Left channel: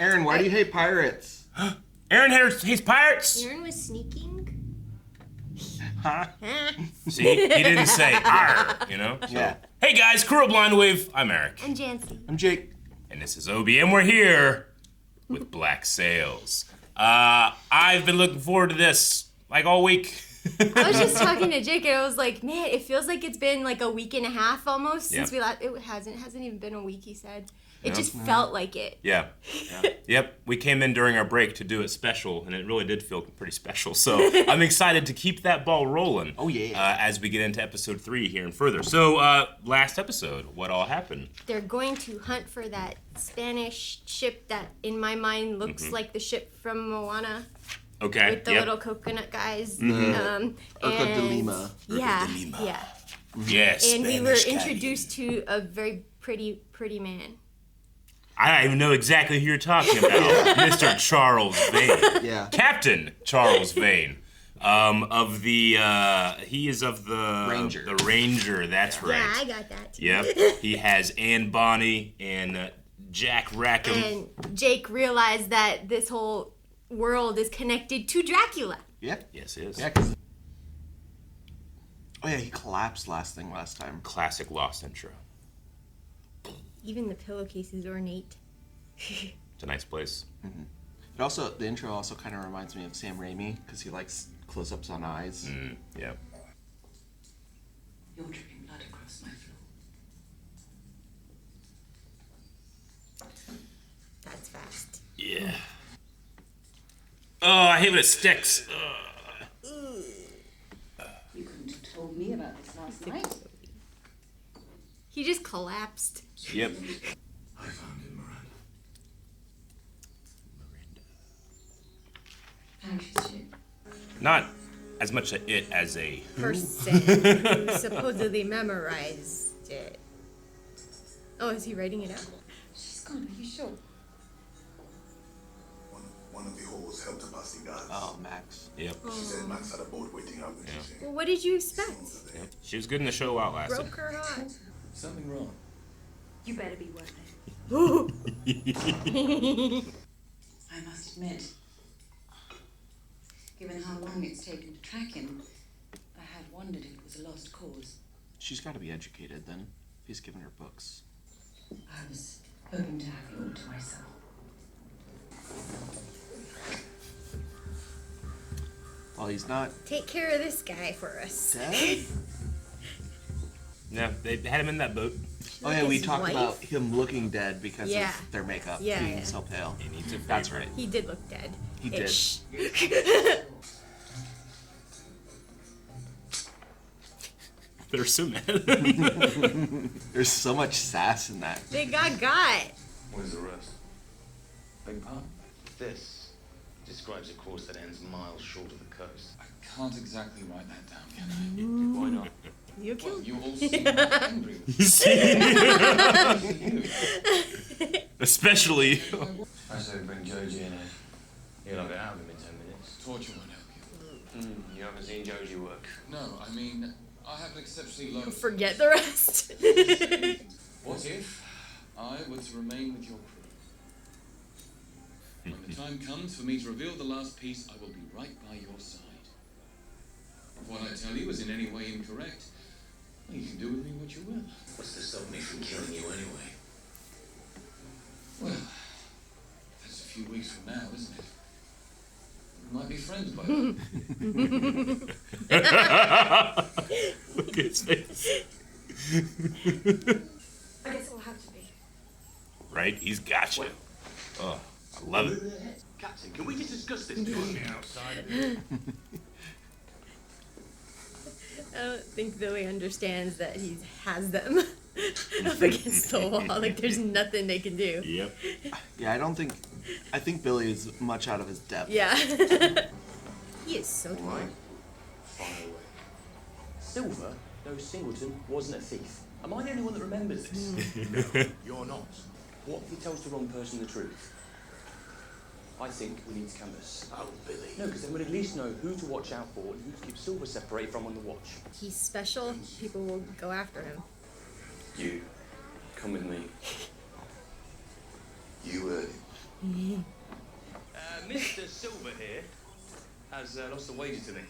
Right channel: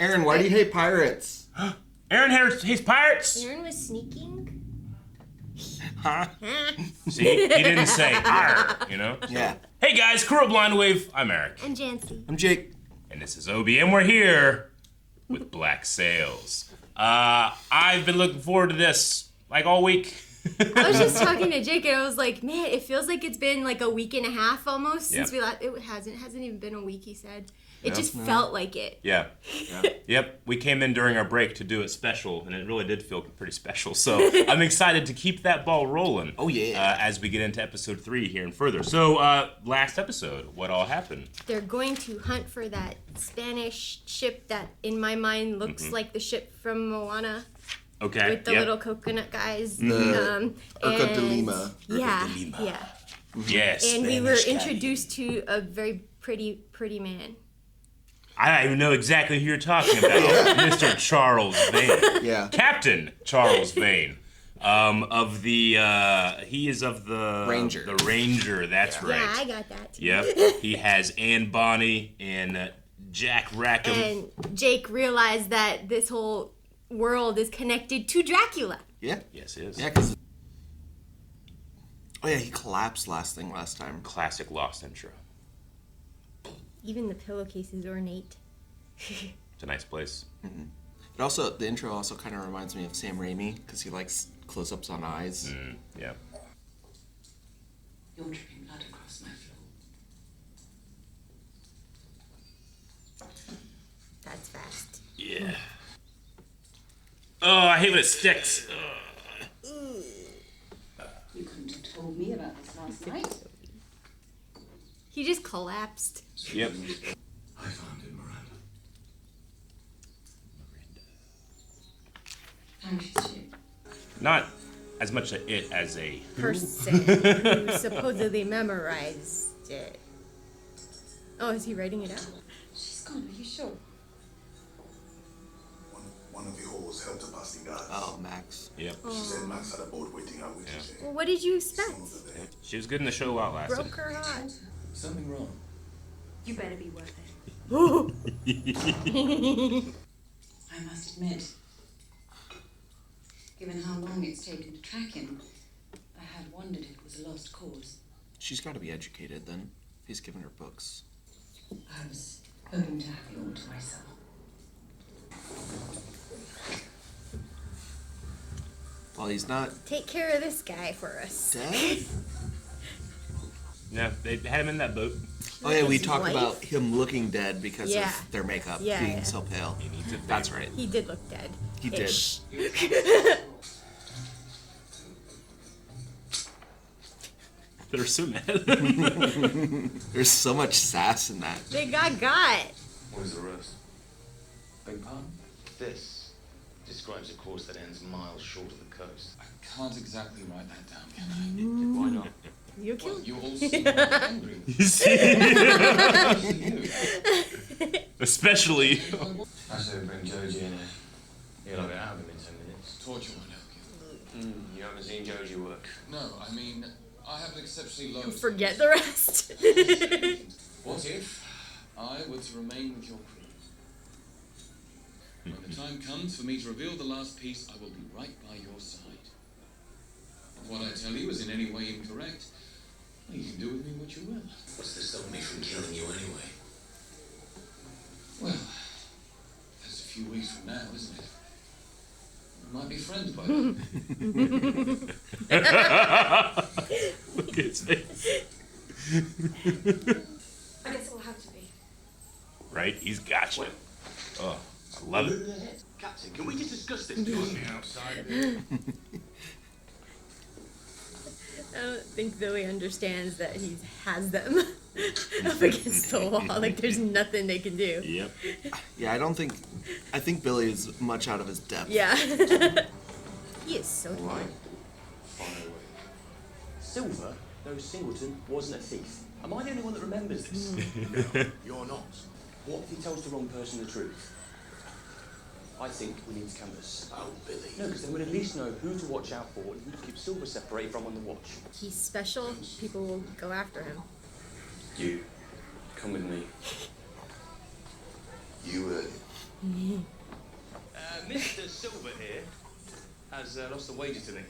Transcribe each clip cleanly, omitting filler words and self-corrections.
Aaron, why do you hate pirates? Aaron hates pirates. Aaron was sneaking. Huh? See, he didn't say "arr," you know. So, Yeah. Hey guys, crew of Blind Wave. I'm Eric. And Janci. I'm Jake. And this is Obi, and we're here with Black Sails. I've been looking forward to this like all week. I was just talking to Jake, and I was like, man, it feels like it's been like a week and a half almost since we last. It hasn't even been a week. He said it just felt like it. Yeah. Yep. We came in during our break to do it special, and it really did feel pretty special. So I'm excited to keep that ball rolling. Oh yeah. As we get into episode 3 here and further. So last episode, what all happened? They're going to hunt for that Spanish ship that, in my mind, looks like the ship from Moana. Okay. With the little coconut guys. Urca de Lima. Yeah. Lima. Yeah. Yes. And we were Spanish guy. introduced to a very pretty man. I don't even know exactly who you're talking about. Mr. Charles Vane. Yeah. Captain Charles Vane. He is of the Ranger. The Ranger, that's right. Yeah, I got that too. Yep. He has Anne Bonny and Jack Rackham. And Jake realized that this whole world is connected to Dracula. Yeah. Yes, it is. Yeah, because... Oh yeah, he collapsed last time. Classic Lost intro. Even the pillowcase is ornate. It's a nice place. Mm-hmm. But also, the intro also kind of reminds me of Sam Raimi, because he likes close-ups on eyes. Yeah. You're dripping blood across my floor. That's fast. Yeah. Oh, I hate when it sticks. You couldn't have told me about this last night. He just collapsed. Yep. I found it, Miranda. Oh, she's shit. Not as much a it as a Person who supposedly memorized it. Oh, is he writing it out? She's gone, are you sure? One of the whores helped her pass the guards. Oh, Max. Yep. She said Max had a boat waiting out with you. Well, what did you expect? Yep. She was good in the show while it lasted. Broke her heart. Something wrong. You better be worth it. I must admit, given how long it's taken to track him, I had wondered if it was a lost cause. She's got to be educated then. If he's given her books. I was hoping to have it all to myself. Well, he's not Take care of this guy for us. dead. Yeah, they had him in that boat. Oh yeah, we His talked wife? about him looking dead because Yeah. of their makeup Yeah, being yeah. so pale. He needs it. That's right. He did look dead. He did. Ish. They're so mad. There's so much sass in that. They got. What is the rest? Beg pardon? This describes a course that ends miles short of the coast. I can't exactly write that down, can I? Why not? You Well, can. you all seem angry with You see? you. Especially. I say we bring Joji in here. He'll have it out of him in 10 minutes. Torture won't help you. You haven't seen Joji work. No, I mean, I have an exceptionally low... Forget the rest. What if I were to remain with your crew? When the time comes for me to reveal the last piece, I will be right by your side. If what I tell you is in any way incorrect, well, you can do with me what you will. What's to stop me from killing you anyway? Well, that's a few weeks from now, isn't it? We might be friends by then. Look at his face. I guess it will have to be. Right? He's got you. Oh, I love it. Captain, can we just discuss this? On the outside. I don't think Billy understands that he has them up against the wall. Like, there's nothing they can do. Yep. Yeah, I think Billy is much out of his depth. Yeah. He is so Right. Fire away. Silver, though Singleton, wasn't a thief. Am I the only one that remembers this? No, you're not. What if he tells the wrong person the truth? I think we need to canvass. Oh, Billy. No, because then we'd at least know who to watch out for and who to keep Silver separated from on the watch. He's special. People will go after him. You, come with me. You heard it. Mr. Silver here has lost a wager to me.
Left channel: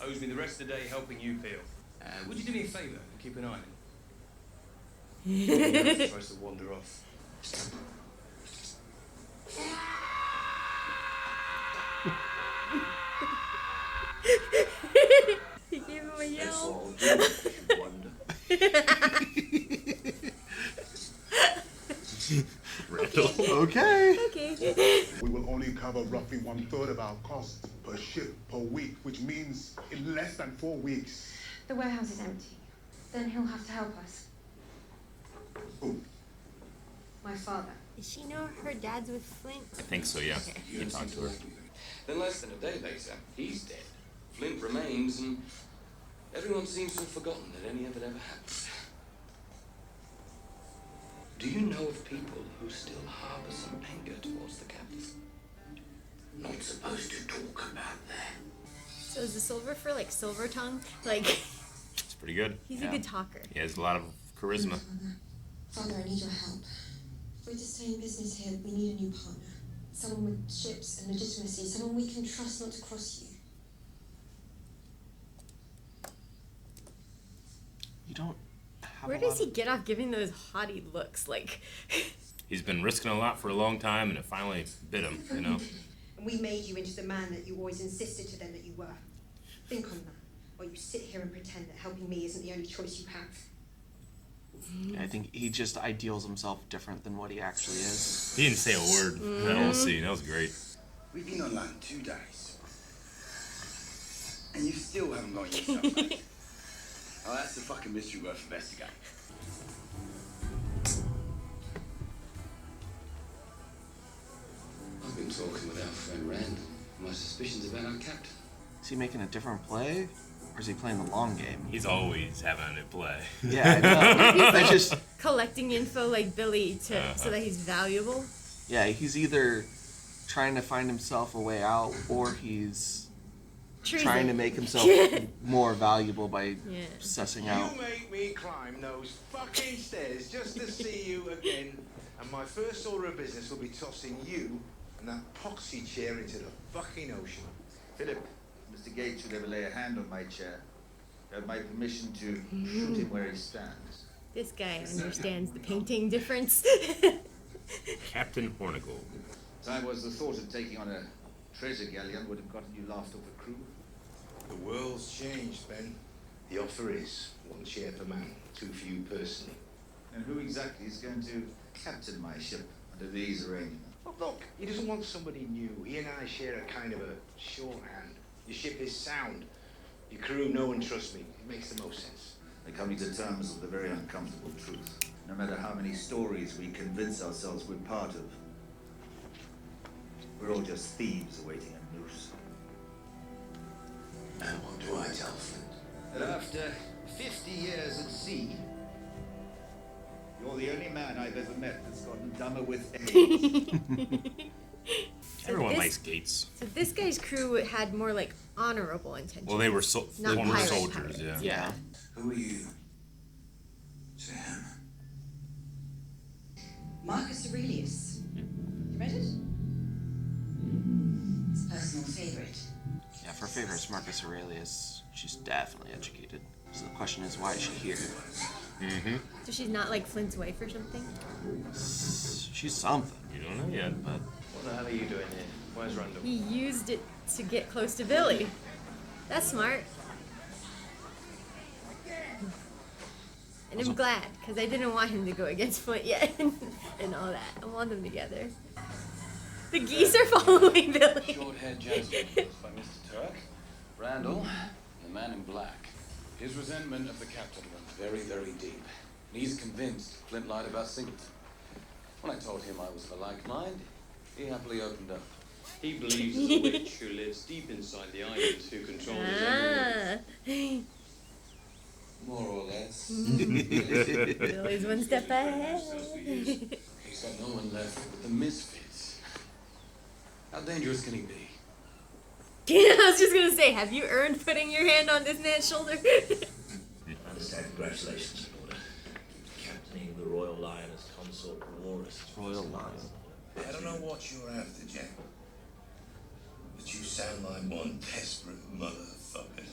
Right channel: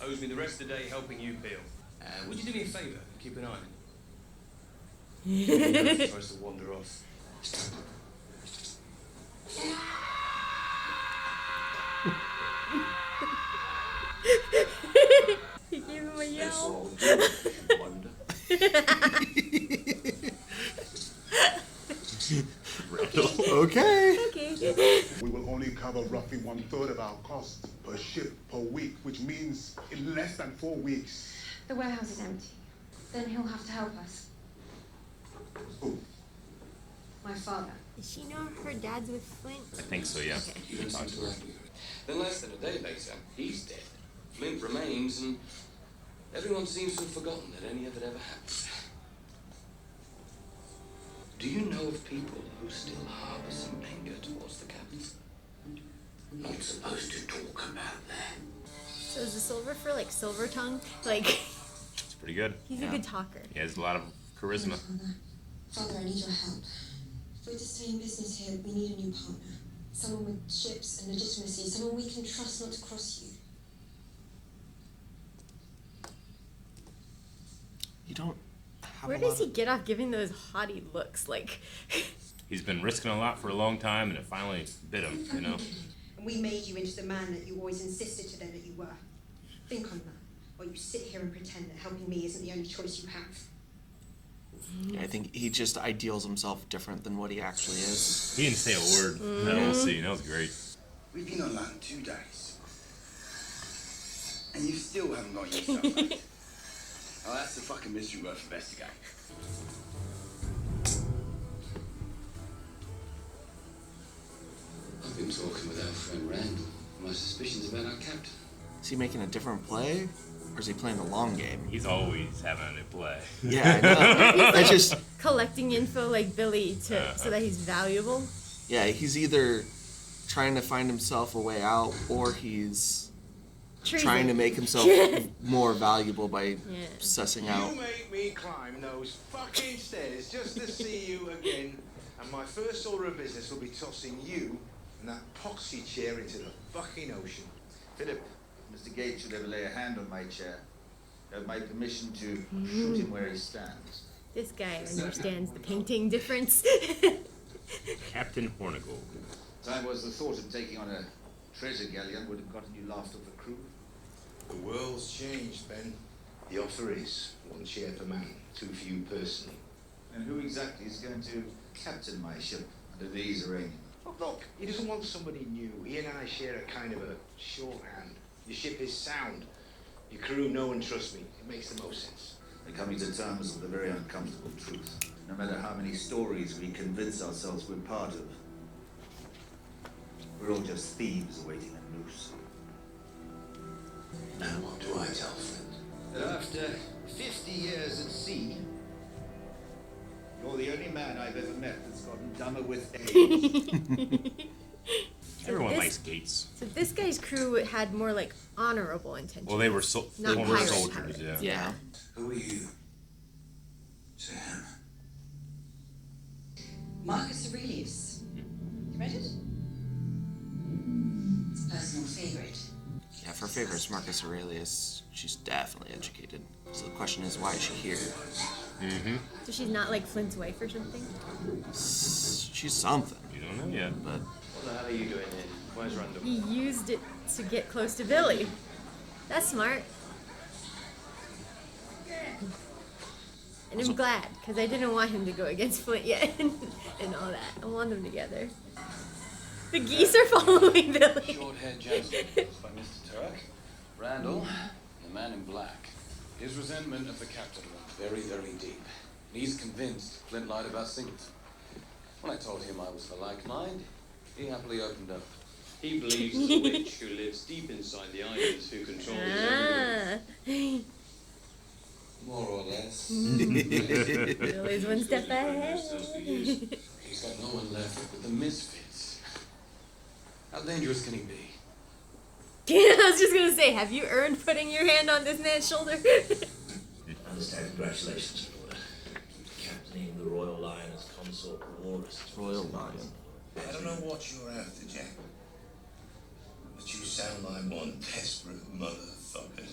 Owes me the rest of the day helping you peel. Would you do me a favour and keep an eye on him? He tries to wander off. He gave him a yell. That's all, you wonder. Okay. Okay. We will only cover roughly 1/3 of our costs per ship per week, which means in less than 4 weeks. The warehouse is empty. Then he'll have to help us. Who? My father. Does she know her dad's with Flint? I think so, yeah. You can talk to her. Then less than a day later, he's dead. Flint remains, and everyone seems to have forgotten that any of it ever happened. Do you know of people who still harbor some anger towards the captain? Not supposed to talk about that. So is the silver for like silver tongue? Like It's pretty good. he's a good talker. He has a lot of charisma. Father, I need your help. If we're to stay in business here, we need a new partner. Someone with ships and legitimacy, someone we can trust not to cross you. You don't have Where a does lot he get off giving those haughty looks? Like He's been risking a lot for a long time, and it finally bit him, you know? And we made you into the man that you always insisted to them that you were. Think on that, while you sit here and pretend that helping me isn't the only choice you have. I think he just ideals himself different than what he actually is. He didn't say a word in that whole scene. That was great. We've been on land 2 days. And you still haven't got yourself back. Oh, that's a fucking mystery worth investigating. I've been talking with our friend Randall. My suspicions about our captain. Is he making a different play? Or is he playing the long game? He's always having a play. Yeah, I know. That's just... collecting info like Billy to so that he's valuable. Yeah, he's either trying to find himself a way out, or he's trying to make himself more valuable by sussing out. You make me climb those fucking stairs just to see you again, and my first order of business will be tossing you and that poxy chair into the fucking ocean. Philip, if Mr. Gates should ever lay a hand on my chair, you have my permission to shoot him where he stands. This guy understands the painting difference. Captain Hornigold. Time was the thought of taking on a treasure galleon would have gotten you laughed off a crew. The world's changed, Ben. The offer is 1 chair per man, 2 for you personally. And who exactly is going to captain my ship under these arrangements? Oh, look, he doesn't want somebody new. He and I share a kind of a shorthand. Your ship is sound. Your crew know and trust me. It makes the most sense. We're coming to terms with the very uncomfortable truth. No matter how many stories we convince ourselves we're part of, we're all just thieves awaiting a noose. And what do I tell Flint? That after 50 years at sea, you're the only man I've ever met that's gotten dumber with age. Everyone likes Gates. So this guy's crew had more like honorable intentions. Well, they were not former pirate soldiers, pirates. yeah. Yeah. Who are you? To him. Marcus Aurelius. You read it? His personal favourite. Yeah, for favorites, Marcus Aurelius, she's definitely educated. So the question is, why is she here? Mm-hmm. So she's not like Flint's wife or something? She's something. You don't know yet. But What the hell are you doing here? Where's Randall? He used it to get close to Billy. That's smart. And I'm glad, because I didn't want him to go against Flint yet and all that. I want them together. The geese are following Billy. Short-haired gentleman by Mr. Turk. Randall, the man in black. His resentment of the captain runs very, very deep. And he's convinced Flint lied about Singleton. When I told him I was of a like mind, he happily opened up. He believes there's a witch who lives deep inside the island who controls everything. More or less. Billy's one step ahead. He's got no one left but the misfits. How dangerous can he be? I was just gonna say, have you earned putting your hand on this man's shoulder? I understand. Congratulations, Lord. Captaining the Royal Lioness Consort Walrus. Royal Lioness. I don't know what you're after, Jack. But you sound like one desperate motherfucker to me.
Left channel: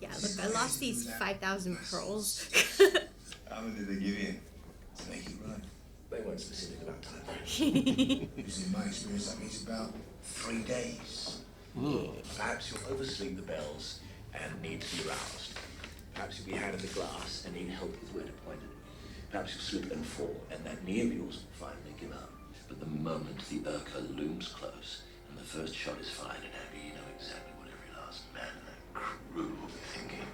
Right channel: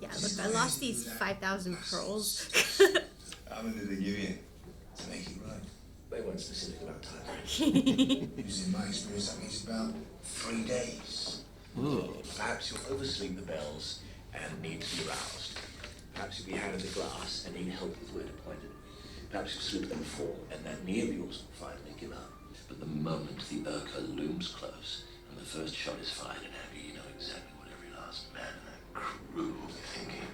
Yeah, look, I lost these 5,000 pearls. How many did they give you to make it right? They weren't specific about time frame. Usually, in my experience, that means about 3 days. Perhaps you'll oversleep the bells and need to be roused. Perhaps you'll be handed a glass and need help with word appointment. Perhaps you'll slip and fall, and that knee of yours will finally give up. But the moment the Urca looms close, and the first shot is fired and heavy, you know exactly what every last man in that crew will be thinking.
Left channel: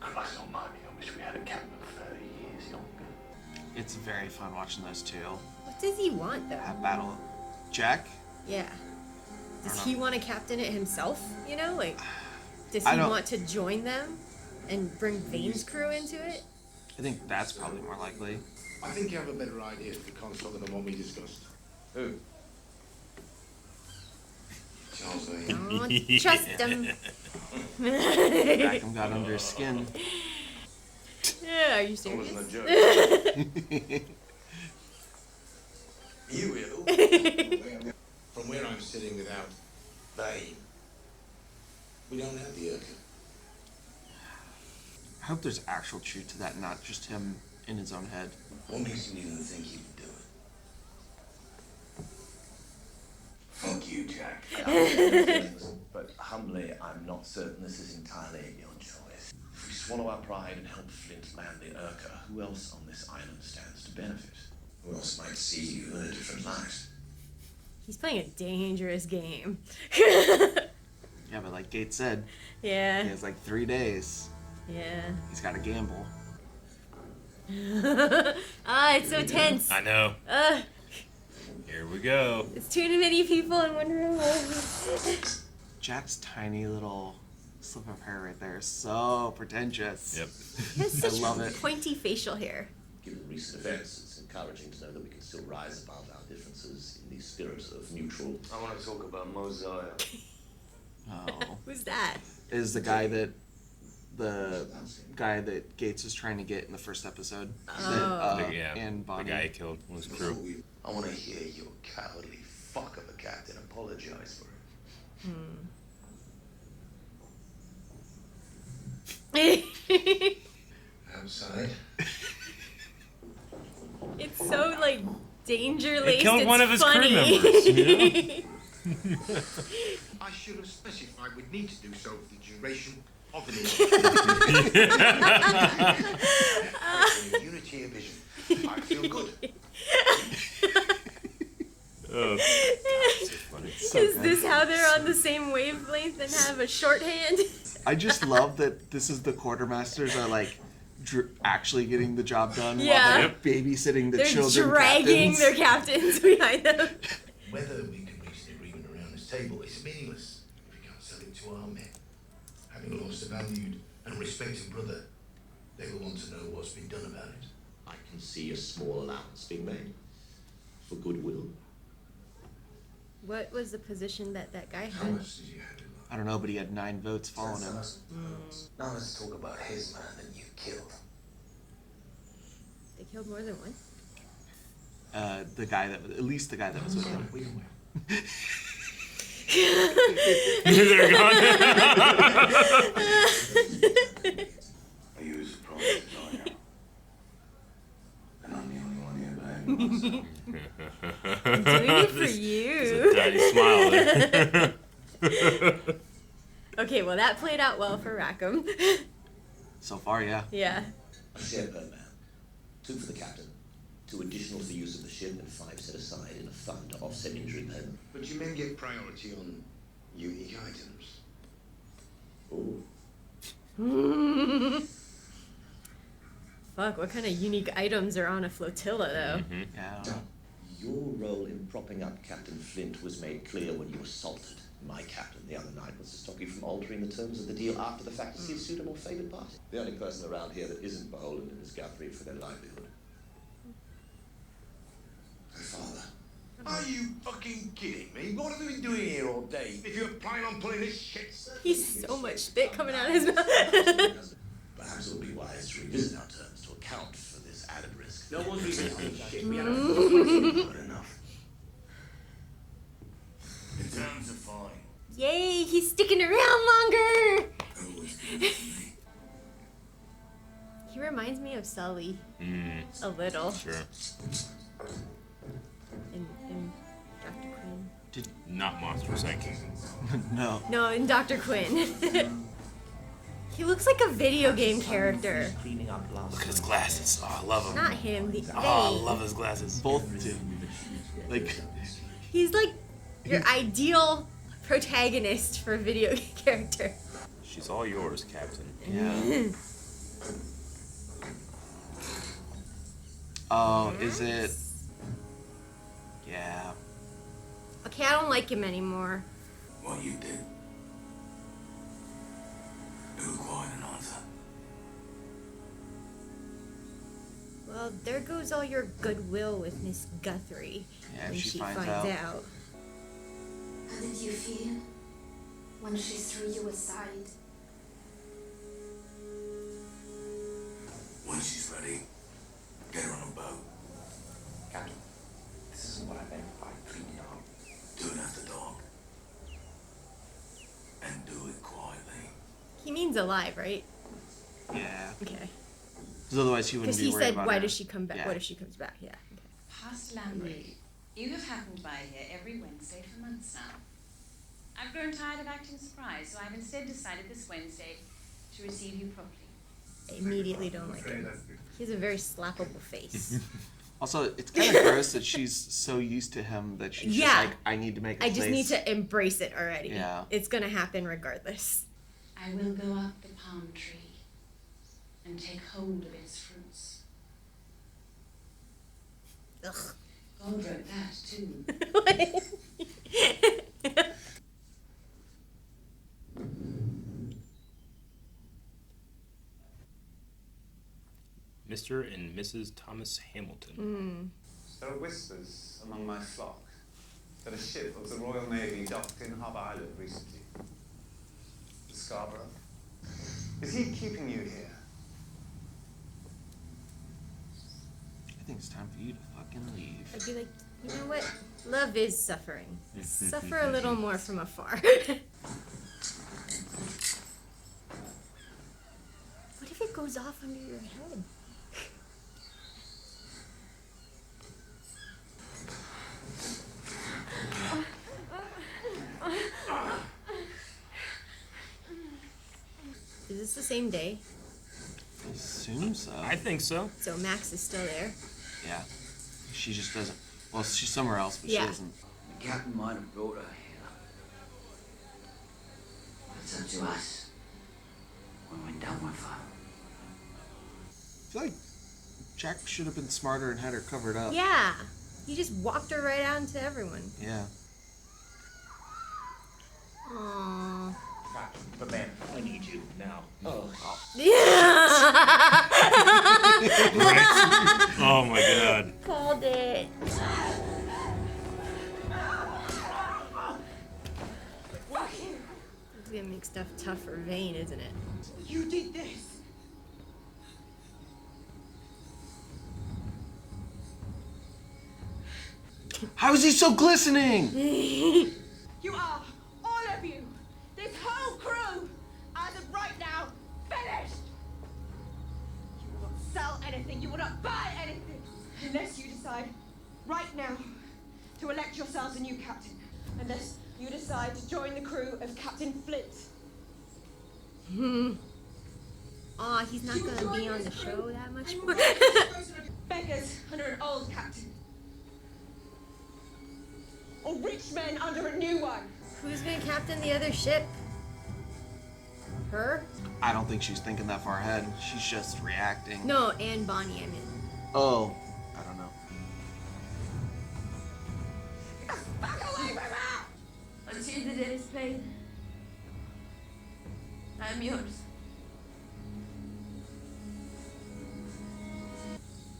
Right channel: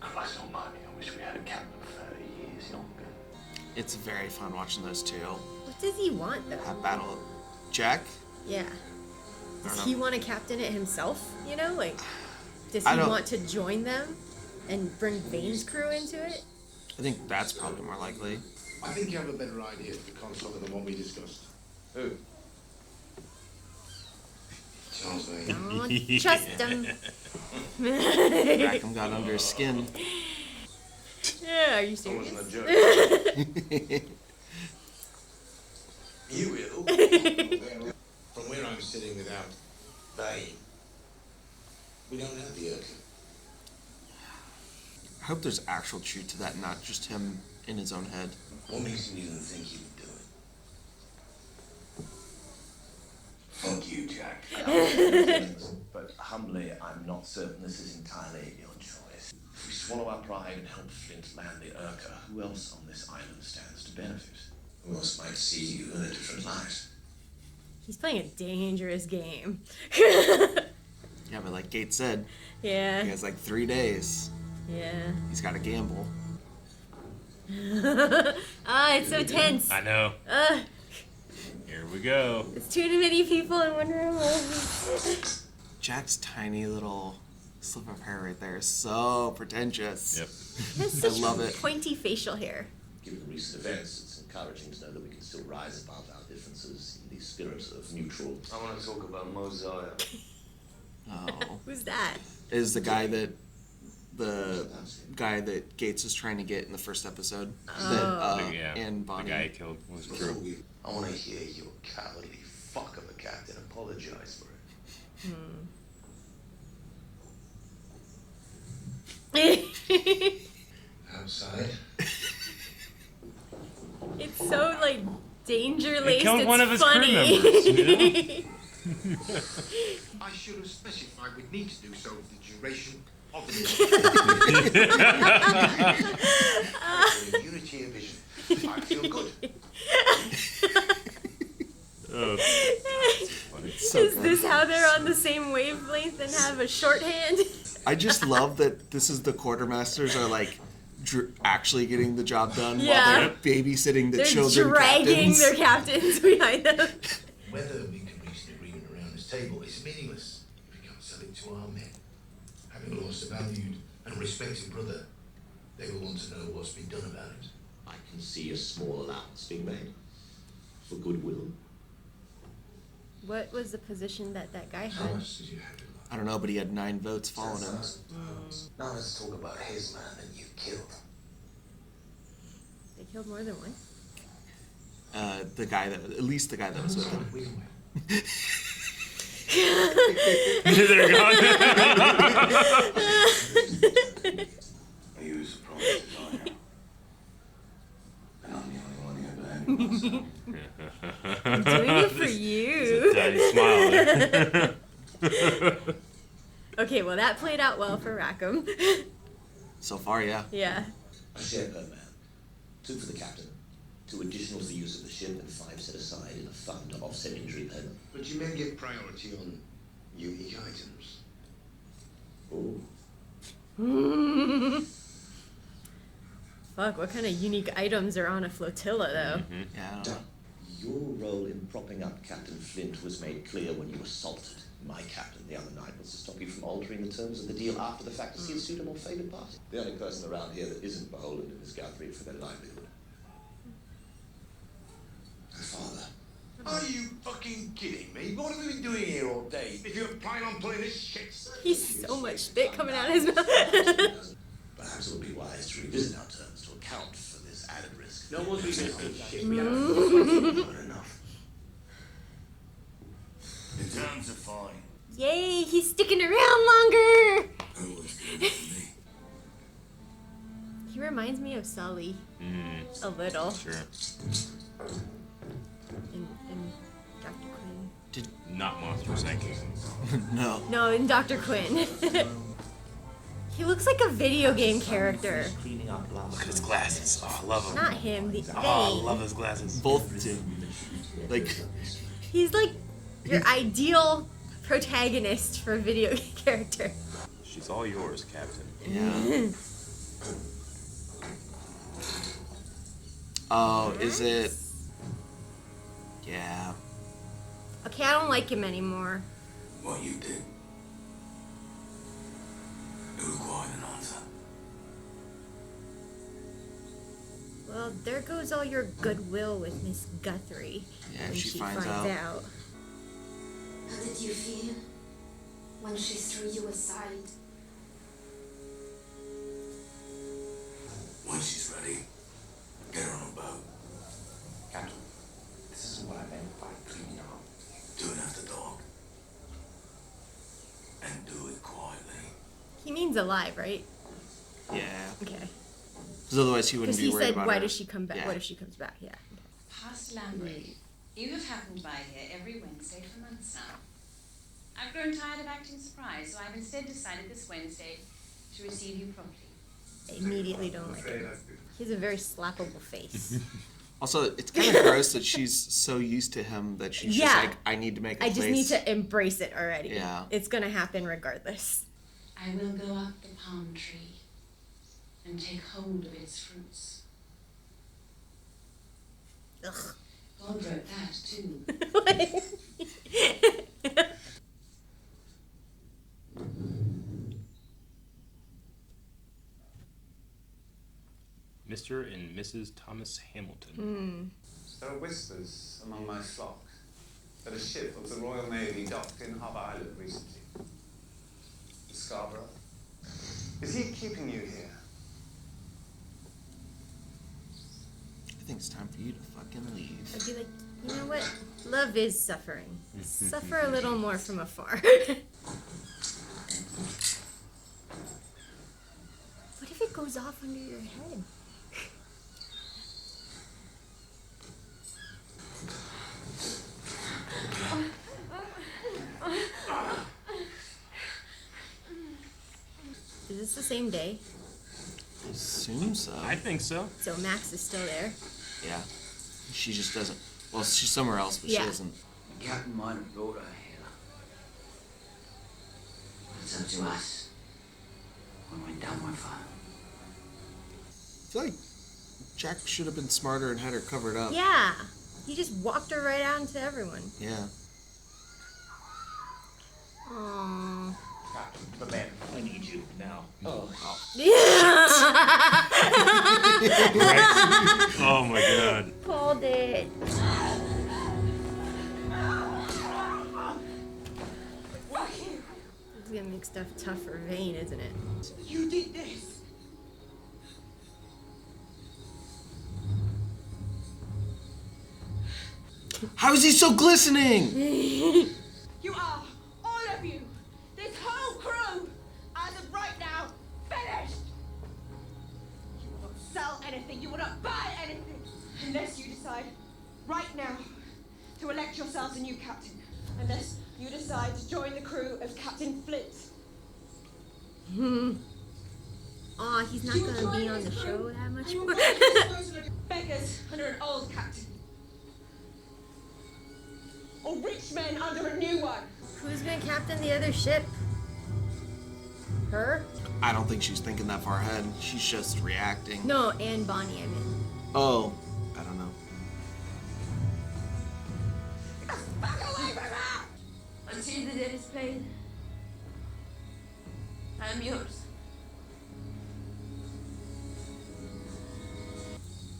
Christ almighty, I wish we had a captain 30 years younger. It's very fun watching those two What does he want, though? have battle. Jack? Yeah. Does he want to captain it himself? You know, like, does I he don't- want to join them and bring Vane's crew into it? I think that's probably more likely. I think you have a better idea of the consort than what we discussed. Who? Charles Vane. Oh, trust him. Rackham got under his skin. Yeah, are you That serious? wasn't a joke. You will. From where I'm sitting without Vane, we don't have the Urca. I hope there's actual truth to that, not just him in his own head. What makes you even think you would do it? Fuck you, Jack. I understand your feelings, but humbly, I'm not certain this is entirely your choice. If we swallow our pride and help Flint land the Urca, who else on this island stands to benefit? Who else might see you in a different light? He's playing a dangerous game. Yeah, but like Gates said, Yeah. he has like 3 days. Yeah. He's got to gamble. It's so tense. I know. Here we go. It's too many people in one room. Jack's tiny little slip of hair right there is so pretentious. Yep. He has I such love it. pointy facial hair. Given recent events, it's encouraging to know that we can still rise above our differences in the spirit of mutual. I want to talk about Mosiah. Oh. Who's that? Is the guy that Gates is trying to get in the first episode. Oh. Yeah, And the Bonny. guy he killed was true. I want to hear your cowardly fuck of a captain apologize for it. Outside. It's so like danger He laced. killed It's one of his crew funny. members, you know? I should have specified we'd need to do so for the duration of the unity of vision. I feel good. Oh, Is this how they're on the same wavelength and have a shorthand? I just love that this is the quartermasters are like actually getting the job done Yeah. while they're babysitting the They're children dragging captains. their captains behind them. Whether we can reach an agreement around this table is meaningless if we can't sell it to our men. Having lost a valued and respected brother, they will want to know what's been done about it. I can see a small allowance being made for goodwill. What was the position that guy How had? much did you have in mind? I don't know, but he had 9 votes following him. Now let's talk about his man that you killed. They killed more than one. The guy that, at least the guy that was with him. Wait away. They're gone. Are you surprised to die here? And I'm the only one here behaving myself. I'm doing it for There's you. a tiny smile there. Okay, well that played out well for Rackham. So far, yeah. Yeah. A share per man. 2 for the captain. 2 additional for the use of the ship and 5 set aside in a fund to offset injury payment. But you men get priority on unique items. Oh. Fuck, what kind of unique items are on a flotilla though? Yeah, I don't know. Your role in propping up Captain Flint was made clear when you assaulted my captain the other night was to stop you from altering the terms of the deal after the fact to see a suitable favoured party. The only person around here that isn't beholden to Miss Guthrie for their livelihood. My father. Are you fucking kidding me? What have we been doing here all day? If you're planning on pulling this shit... He's so much spit coming out of his mouth. Perhaps it would be wise to revisit our terms to account for this added risk No one's revisiting shit. We had a Not enough. The terms are fine. Yay, he's sticking around longer! He reminds me of Sully. A little. Sure. In Dr. Quinn. Not Monsters Inc. No. No, in Dr. Quinn. He looks like a video game character. Cleaning up last Look at his glasses. Oh, I love him. Not him, the Oh, I Vane. love his glasses. Both do. Like, He's like your ideal protagonist for a video game character. She's all yours, Captain. yeah. Oh, is it? Yeah. Okay, I don't like him anymore. What you did. It required an answer. Well, there goes all your goodwill with Miss Guthrie Yeah, when she she finds finds out. out. How did you feel when she threw you aside? When she's ready, get her on a boat. Captain, this isn't what I meant by cleaning up. Do it after dark. And do it quietly. He means alive, right? Yeah. Okay. Because otherwise he wouldn't Because be he worried said, about "Why her. does she come back? Yeah. What if she comes back?" Yeah. Okay. Past Lambury, you have happened by here every Wednesday for months now. I've grown tired of acting surprised, so I've instead decided this Wednesday to receive you properly. I immediately don't like him. He has a very slappable face. Also, it's kind of gross that she's so used to him that she's just Yeah. like, I need to make a I just place. need to embrace it already. Yeah. It's gonna happen regardless. I will go up the palm tree and take hold of its fruits. Ugh. God wrote that too. Mr. and Mrs. Thomas Hamilton. There are whispers among my flock that a ship of the Royal Navy docked in Harbour Island recently. The Scarborough. Is he keeping you here? I think it's time for you to fucking leave. I'd be like, you know what? Love is suffering. Suffer a little more from afar. What if it goes off under your head? Is this the same day? I assume so. I think so. So Max is still there. Yeah. She just doesn't. Well, she's somewhere else, but Yeah. she doesn't. The captain might have brought her here. But it's up to us when we're done with her. I feel like Jack should have been smarter and had her covered up. Yeah. He just walked her right out into everyone. Yeah. Aww. Captain, but man, I need you now. Right? Oh my god. Called it. It's gonna make stuff tough for Vane, isn't it? You did this. How is he so glistening? You are, all of you, this whole crew, as of right now, finished! You will not sell anything, you will not buy anything, unless you decide, right now, to elect yourselves a new captain. Unless you decide to join the crew of Captain Flint. Aw, he's not gonna be on the show that much more. Beggars under an old captain. Or rich men under a new one. Who's gonna captain the other ship? Her? I don't think she's thinking that far ahead. She's just reacting. No, and Bonnie, I meant. Oh, I don't know. Back away from her! Until the debt is paid, I'm yours.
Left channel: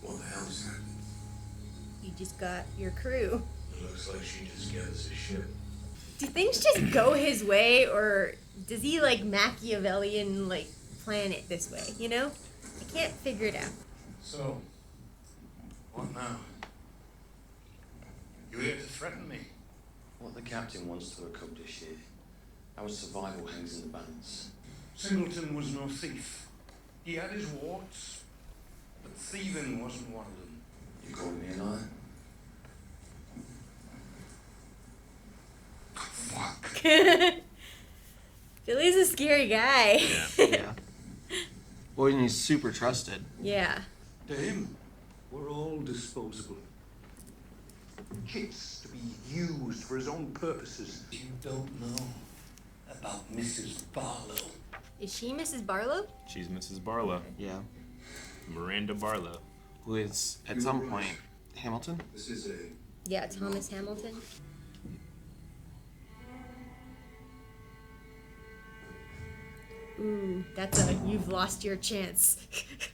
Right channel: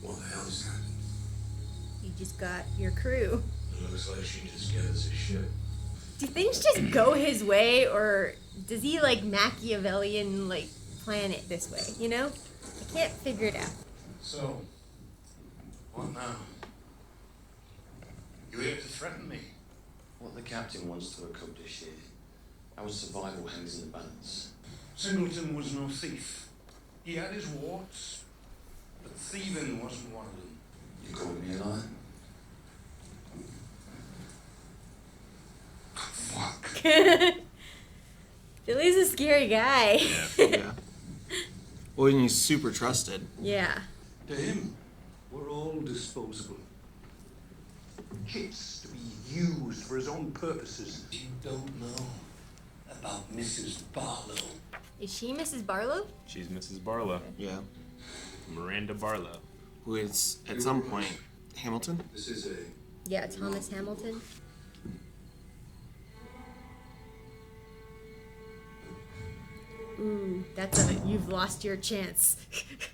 What the hell just happened? You just got your crew. It looks like she just gave us a ship. Do things just go his way, or does he like Machiavellian like plan it this way? You know, I can't figure it out. So, What now? You here to threaten me? What the captain wants to accomplish here, our survival hangs in the balance. Singleton was no thief. He had his warts, but thieving wasn't one of them. You calling me a liar? Fuck. Billy's a scary guy. Yeah. Well, and he's super trusted. Yeah. To him, we're all disposable. Kits to be used for his own purposes. You don't know about Mrs. Barlow. Is she Mrs. Barlow? She's Mrs. Barlow. Yeah. Miranda Barlow. Who is, at some point, Hamilton? This is a... Yeah, Thomas Hamilton. Ooh, that's a you've lost your chance.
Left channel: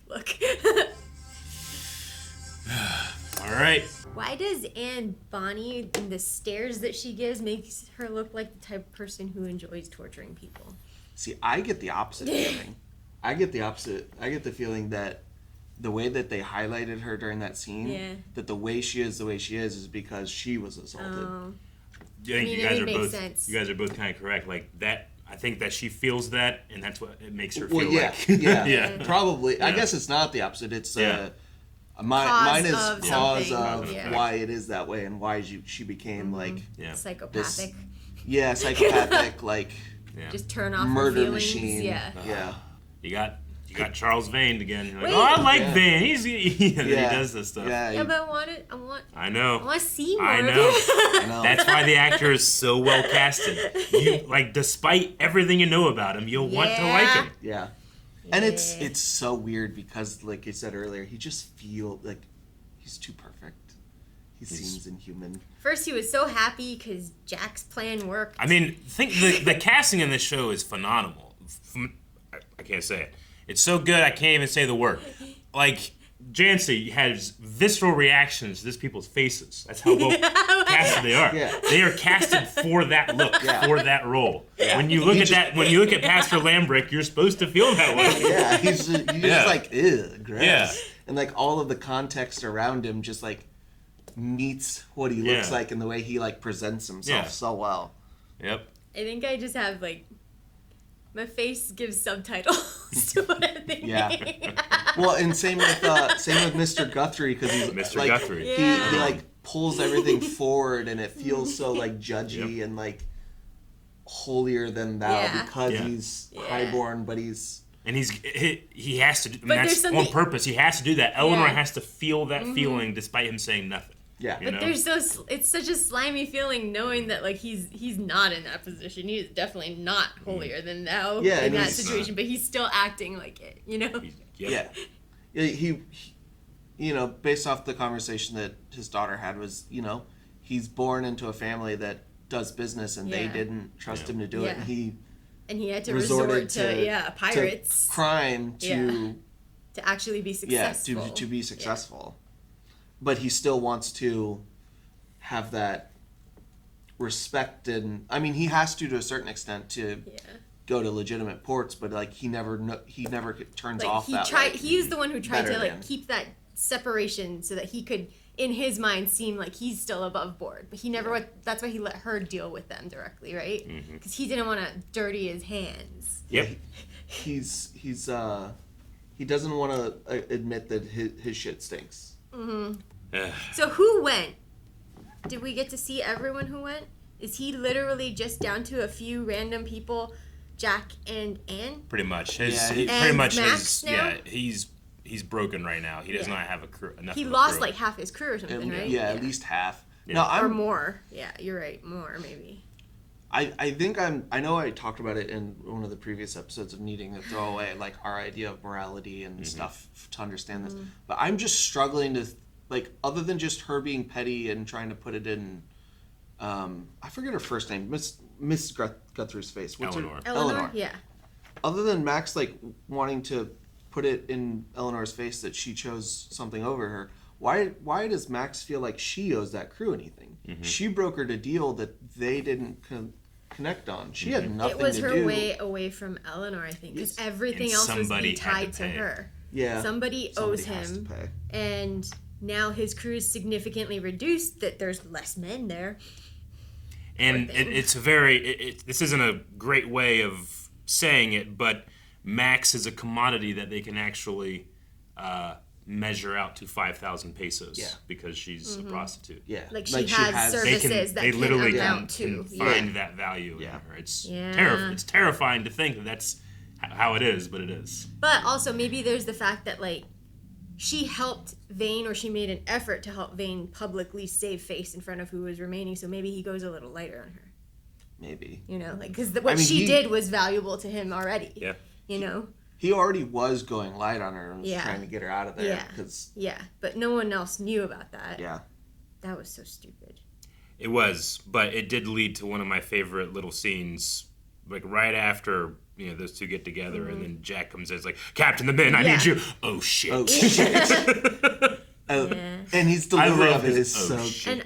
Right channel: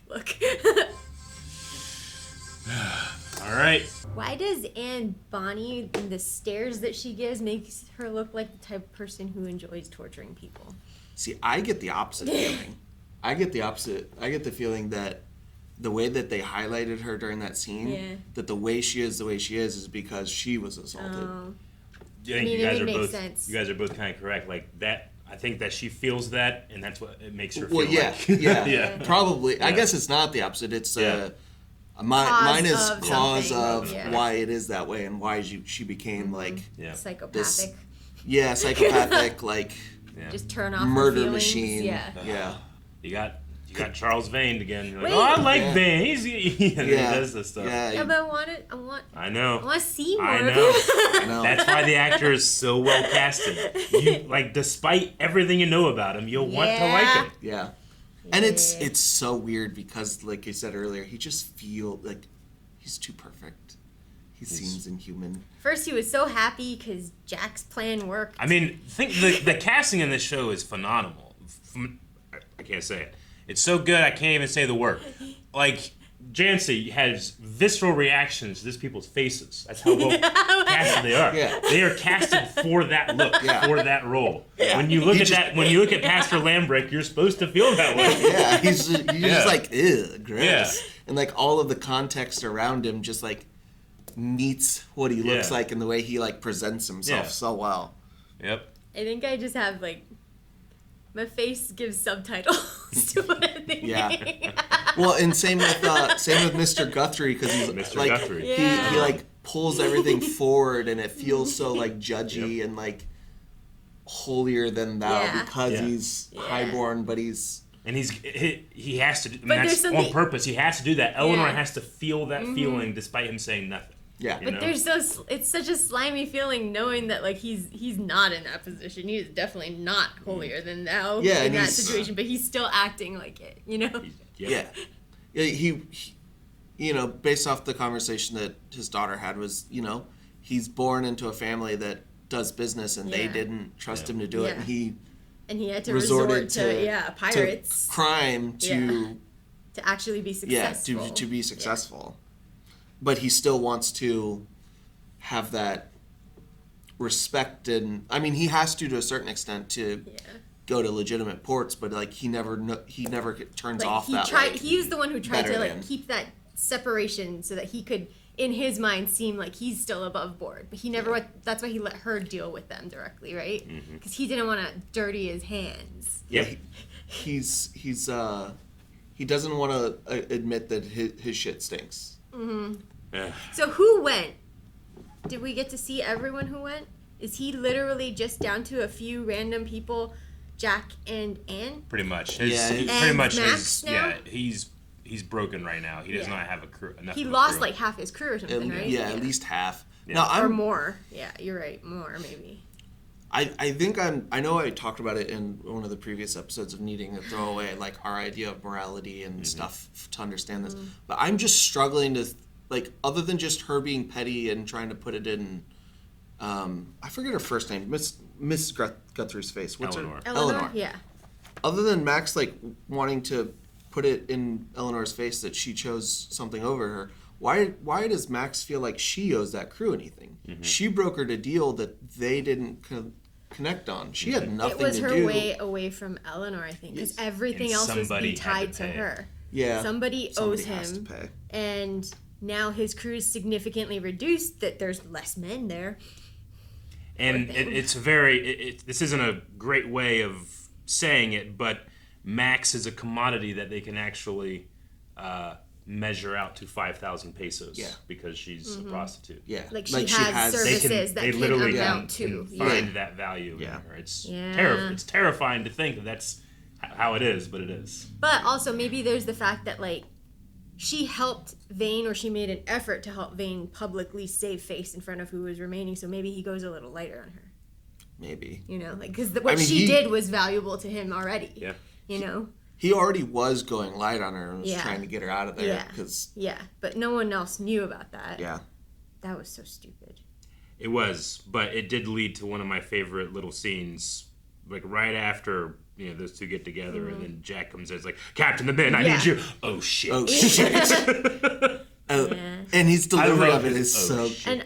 Look. All right. Why does Anne Bonny and the stares that she gives makes her look like the type of person who enjoys torturing people? See, I get the opposite feeling. I get the feeling that the way that they highlighted her during that scene, that the way she is because she was assaulted. Oh. I think you guys are both kind of correct. Like that, I think that she feels that, and that's what it makes her feel like. Yeah, probably. Yeah. I guess it's not the opposite. It's mine is cause of why it is that way and why she became like psychopathic. Psychopathic, like just turn off murder her machine. Yeah. You got Charles Vane again. You're like, I like Vane. He does this stuff. Yeah, but I know. I want to see more. I know. That's why the actor is so well casted. You like, despite everything you know about him, you'll want to like him. Yeah. And it's so weird because, like you said earlier, he just feels like he's too perfect. He seems inhuman. First, he was so happy because Jack's plan worked. I mean, the casting in this show is phenomenal. I can't say it. It's so good, I can't even say the word. Like, Janci has visceral reactions to these people's faces. That's how well casted they are. Yeah. They are casted for that look, for that role. Yeah. When you look at Pastor Lambrick, you're supposed to feel that way. Yeah, he's just like, ew, gross. Yeah. And like all of the context around him just like meets what he looks like and the way he like presents himself so well. Yep. I think I just have like my face gives subtitles to what I'm thinking. Yeah. Well, and same with Mr. Guthrie because he's Mr. like, Guthrie. He like pulls everything forward and it feels so like judgy and like holier than thou because he's highborn, but he's. And he has to. That's on purpose. He has to do that. Eleanor has to feel that feeling despite him saying nothing. Yeah, but it's such a slimy feeling knowing that like he's not in that position. He's definitely not holier than thou in that situation, but he's still acting like it. You know. Yeah. He you know, based off the conversation that his daughter had was, you know, he's born into a family that does business and they didn't trust him to do it, and he had to resort to pirates, to crime to actually be successful. Yeah, to be successful. But he still wants to have that respect, and I mean, he has to a certain extent to go to legitimate ports. But like, he never turns off that. He's the one who tried to like keep that separation so that he could, in his mind, seem like he's still above board. But he never. That's why he let her deal with them directly, right? Because he didn't want to dirty his hands. Yeah, he doesn't want to admit that his shit stinks. So who went? Did we get to see everyone who went? Is he literally just down to a few random people, Jack and Anne? Pretty much. He's broken right now. He does not have a crew. He lost like half his crew or something, right? Yeah, at least half. Yeah. No, or more. Yeah, you're right. More maybe. I think I know I talked about it in one of the previous episodes of needing to throw away like our idea of morality and stuff to understand this. But I'm just struggling to like, other than just her being petty and trying to put it in, I forget her first name, Miss Guthrie's face. What's Eleanor. Her? Eleanor. Yeah. Other than Max like wanting to put it in Eleanor's face that she chose something over her, why does Max feel like she owes that crew anything? She brokered a deal that they didn't connect on. She had nothing to do. It was her way away from Eleanor, I think, because everything else was tied to her. Yeah, somebody owes him, and now his crew is significantly reduced, that there's less men there. And it's a very... this isn't a great way of saying it, but Max is a commodity that they can actually measure out to 5,000 pesos because she's a prostitute. Yeah. Like she has services that they can literally amount can to. find that value in her. It's Yeah. it's terrifying to think that that's how it is, but it is. But also maybe there's the fact that like she helped Vane, or she made an effort to help Vane publicly save face in front of who was remaining, so maybe he goes a little lighter on her. Maybe. You know, like, because what she did was valuable to him already. Yeah. You know? He already was going light on her and was Yeah. trying to get her out of there. Yeah. Because but no one else knew about that. Yeah. That was so stupid. It was, but it did lead to one of my favorite little scenes, like right after those two get together, and then Jack comes in, it's like, Captain the Men, I need you. Oh shit! Oh shit! And his delivery of it is so. And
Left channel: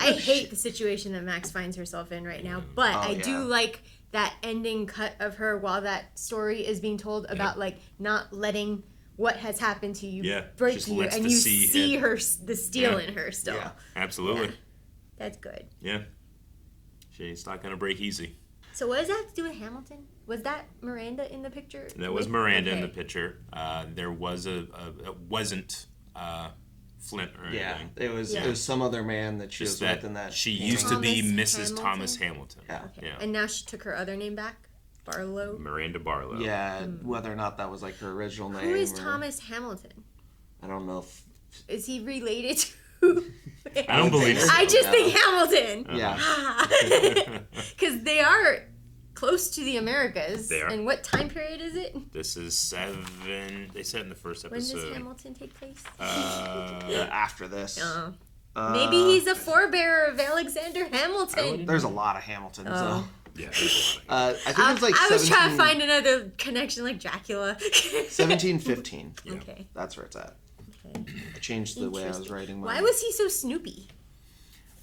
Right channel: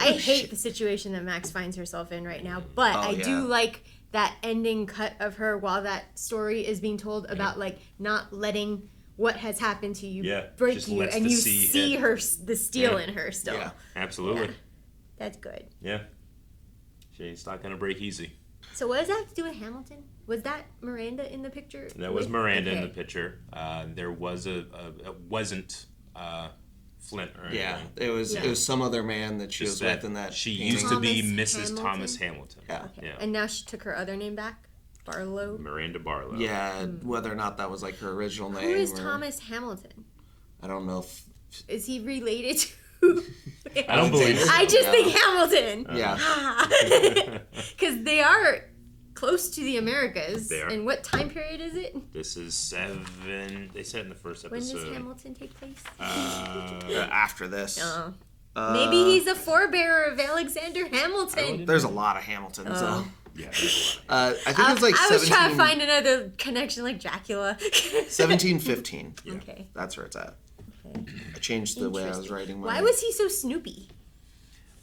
I hate the situation that Max finds herself in right now, but I do like that ending cut of her while that story is being told about like not letting what has happened to you break just you, lets and the you sea see hit. her, the steel in her still. Yeah, absolutely. Yeah. That's good. Yeah, she's not gonna break easy. So what does that have to do with Hamilton? Was that Miranda in the picture? That was Miranda in the picture. There was it wasn't Flint or anything. Yeah, it was some other man that she was with in that. She used to be Mrs. Thomas Hamilton. Okay. And now she took her other name back? Barlow? Miranda Barlow. Yeah, whether or not that was like her original name. Who is Thomas Hamilton? I don't know if... Is he related to... I don't believe so. I just think Hamilton. Yeah. Because they are close to the Americas. They are. And what time period is it? This is 7... They said in the first episode. When does Hamilton take place? After this. Maybe he's a forebearer of Alexander Hamilton. There's a lot of Hamiltons, though. Yeah. I think it was like I was trying to find another connection like Dracula. 1715. Okay. That's where it's at. Okay. I changed the way I was writing mine. Why was he so snoopy?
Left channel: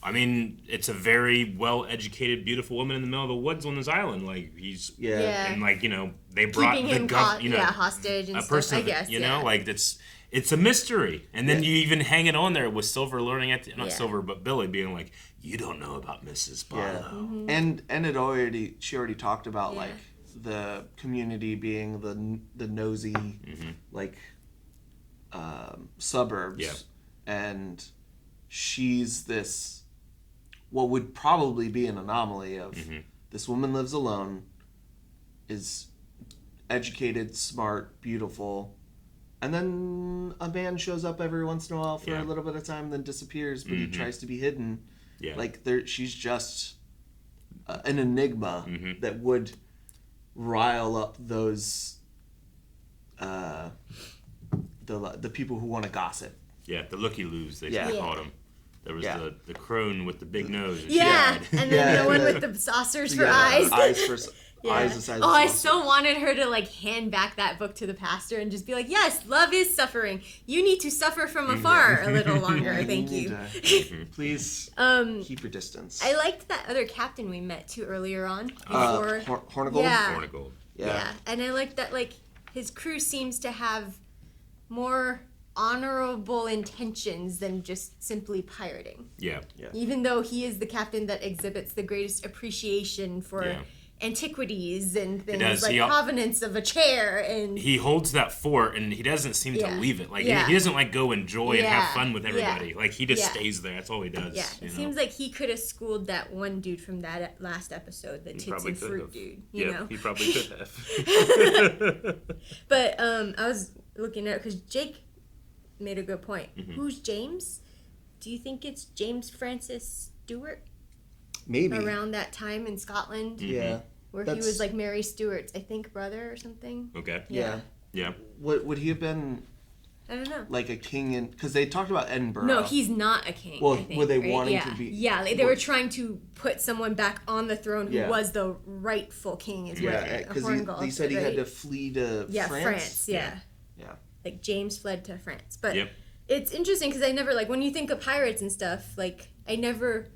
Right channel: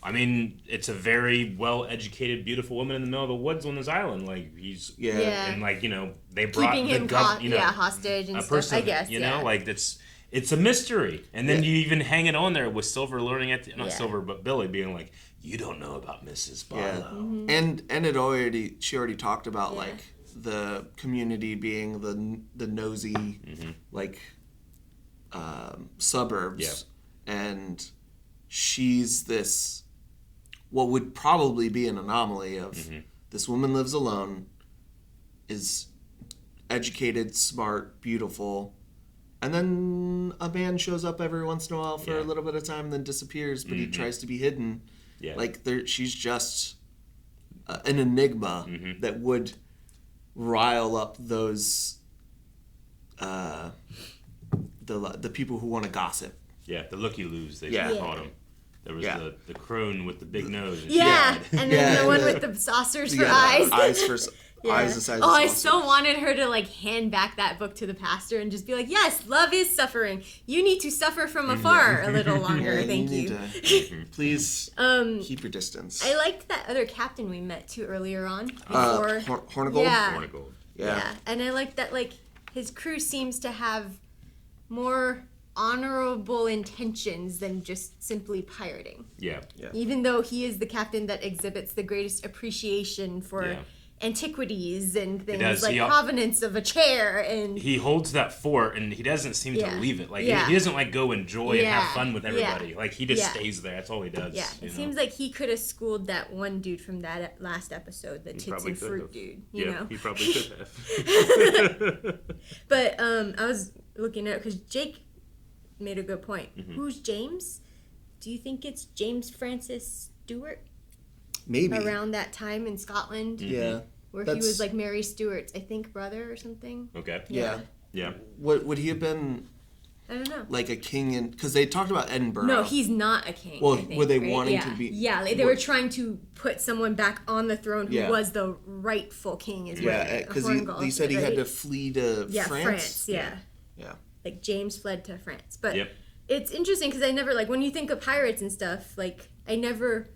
I mean, it's a very well-educated, beautiful woman in the middle of the woods on this island. Like, he's... Yeah. And, like, they brought keeping the him hostage and a stuff, person, I guess, like, it's a mystery. And then you even hang it on there with Silver learning at not Silver, but Billy being like, you don't know about Mrs. Barlow. Yeah. And she already talked about, like, the community being the nosy, like, suburbs. Yeah. And she's this... what would probably be an anomaly of this woman lives alone, is educated, smart, beautiful, and then a man shows up every once in a while for a little bit of time and then disappears, but he tries to be hidden. Yeah. Like, she's just an enigma that would rile up those the people who want to gossip. Yeah, the looky-loos, they called them. There was the crone with the big nose. And then the one with the saucers for eyes. Eyes the size of I saucers. so wanted her to like hand back that book to the pastor and just be like, yes, love is suffering. You need to suffer from afar a little longer. Thank you. Please keep your distance. I liked that other captain we met too earlier on. Before Hornigold? Hornigold. Yeah. And I like that like his crew seems to have more honorable intentions than just simply pirating. Yeah. Even though he is the captain that exhibits the greatest appreciation for antiquities and things like provenance of a chair, and he holds that fort and he doesn't seem to leave it. Like he doesn't like go enjoy and have fun with everybody. Like he just stays there. That's all he does. Yeah, it seems like he could have schooled that one dude from that last episode, the tits and fruit dude. You know, he probably could have. But I was looking at because Jake made a good point. Who's James? Do you think it's James Francis Stuart? Maybe around that time in Scotland. Yeah, where he was like Mary Stuart's, I think, brother or something. Okay. Yeah. Would he have been? I don't know. Like a king in, because they talked about Edinburgh. No, he's not a king. Well, I think, were they right? wanting to be? Yeah, like they were trying to put someone back on the throne who was the rightful king as well. Yeah, because he said he had to flee to France. Yeah. Like James fled to France, but it's interesting because I never like when you think of pirates and stuff. Like I never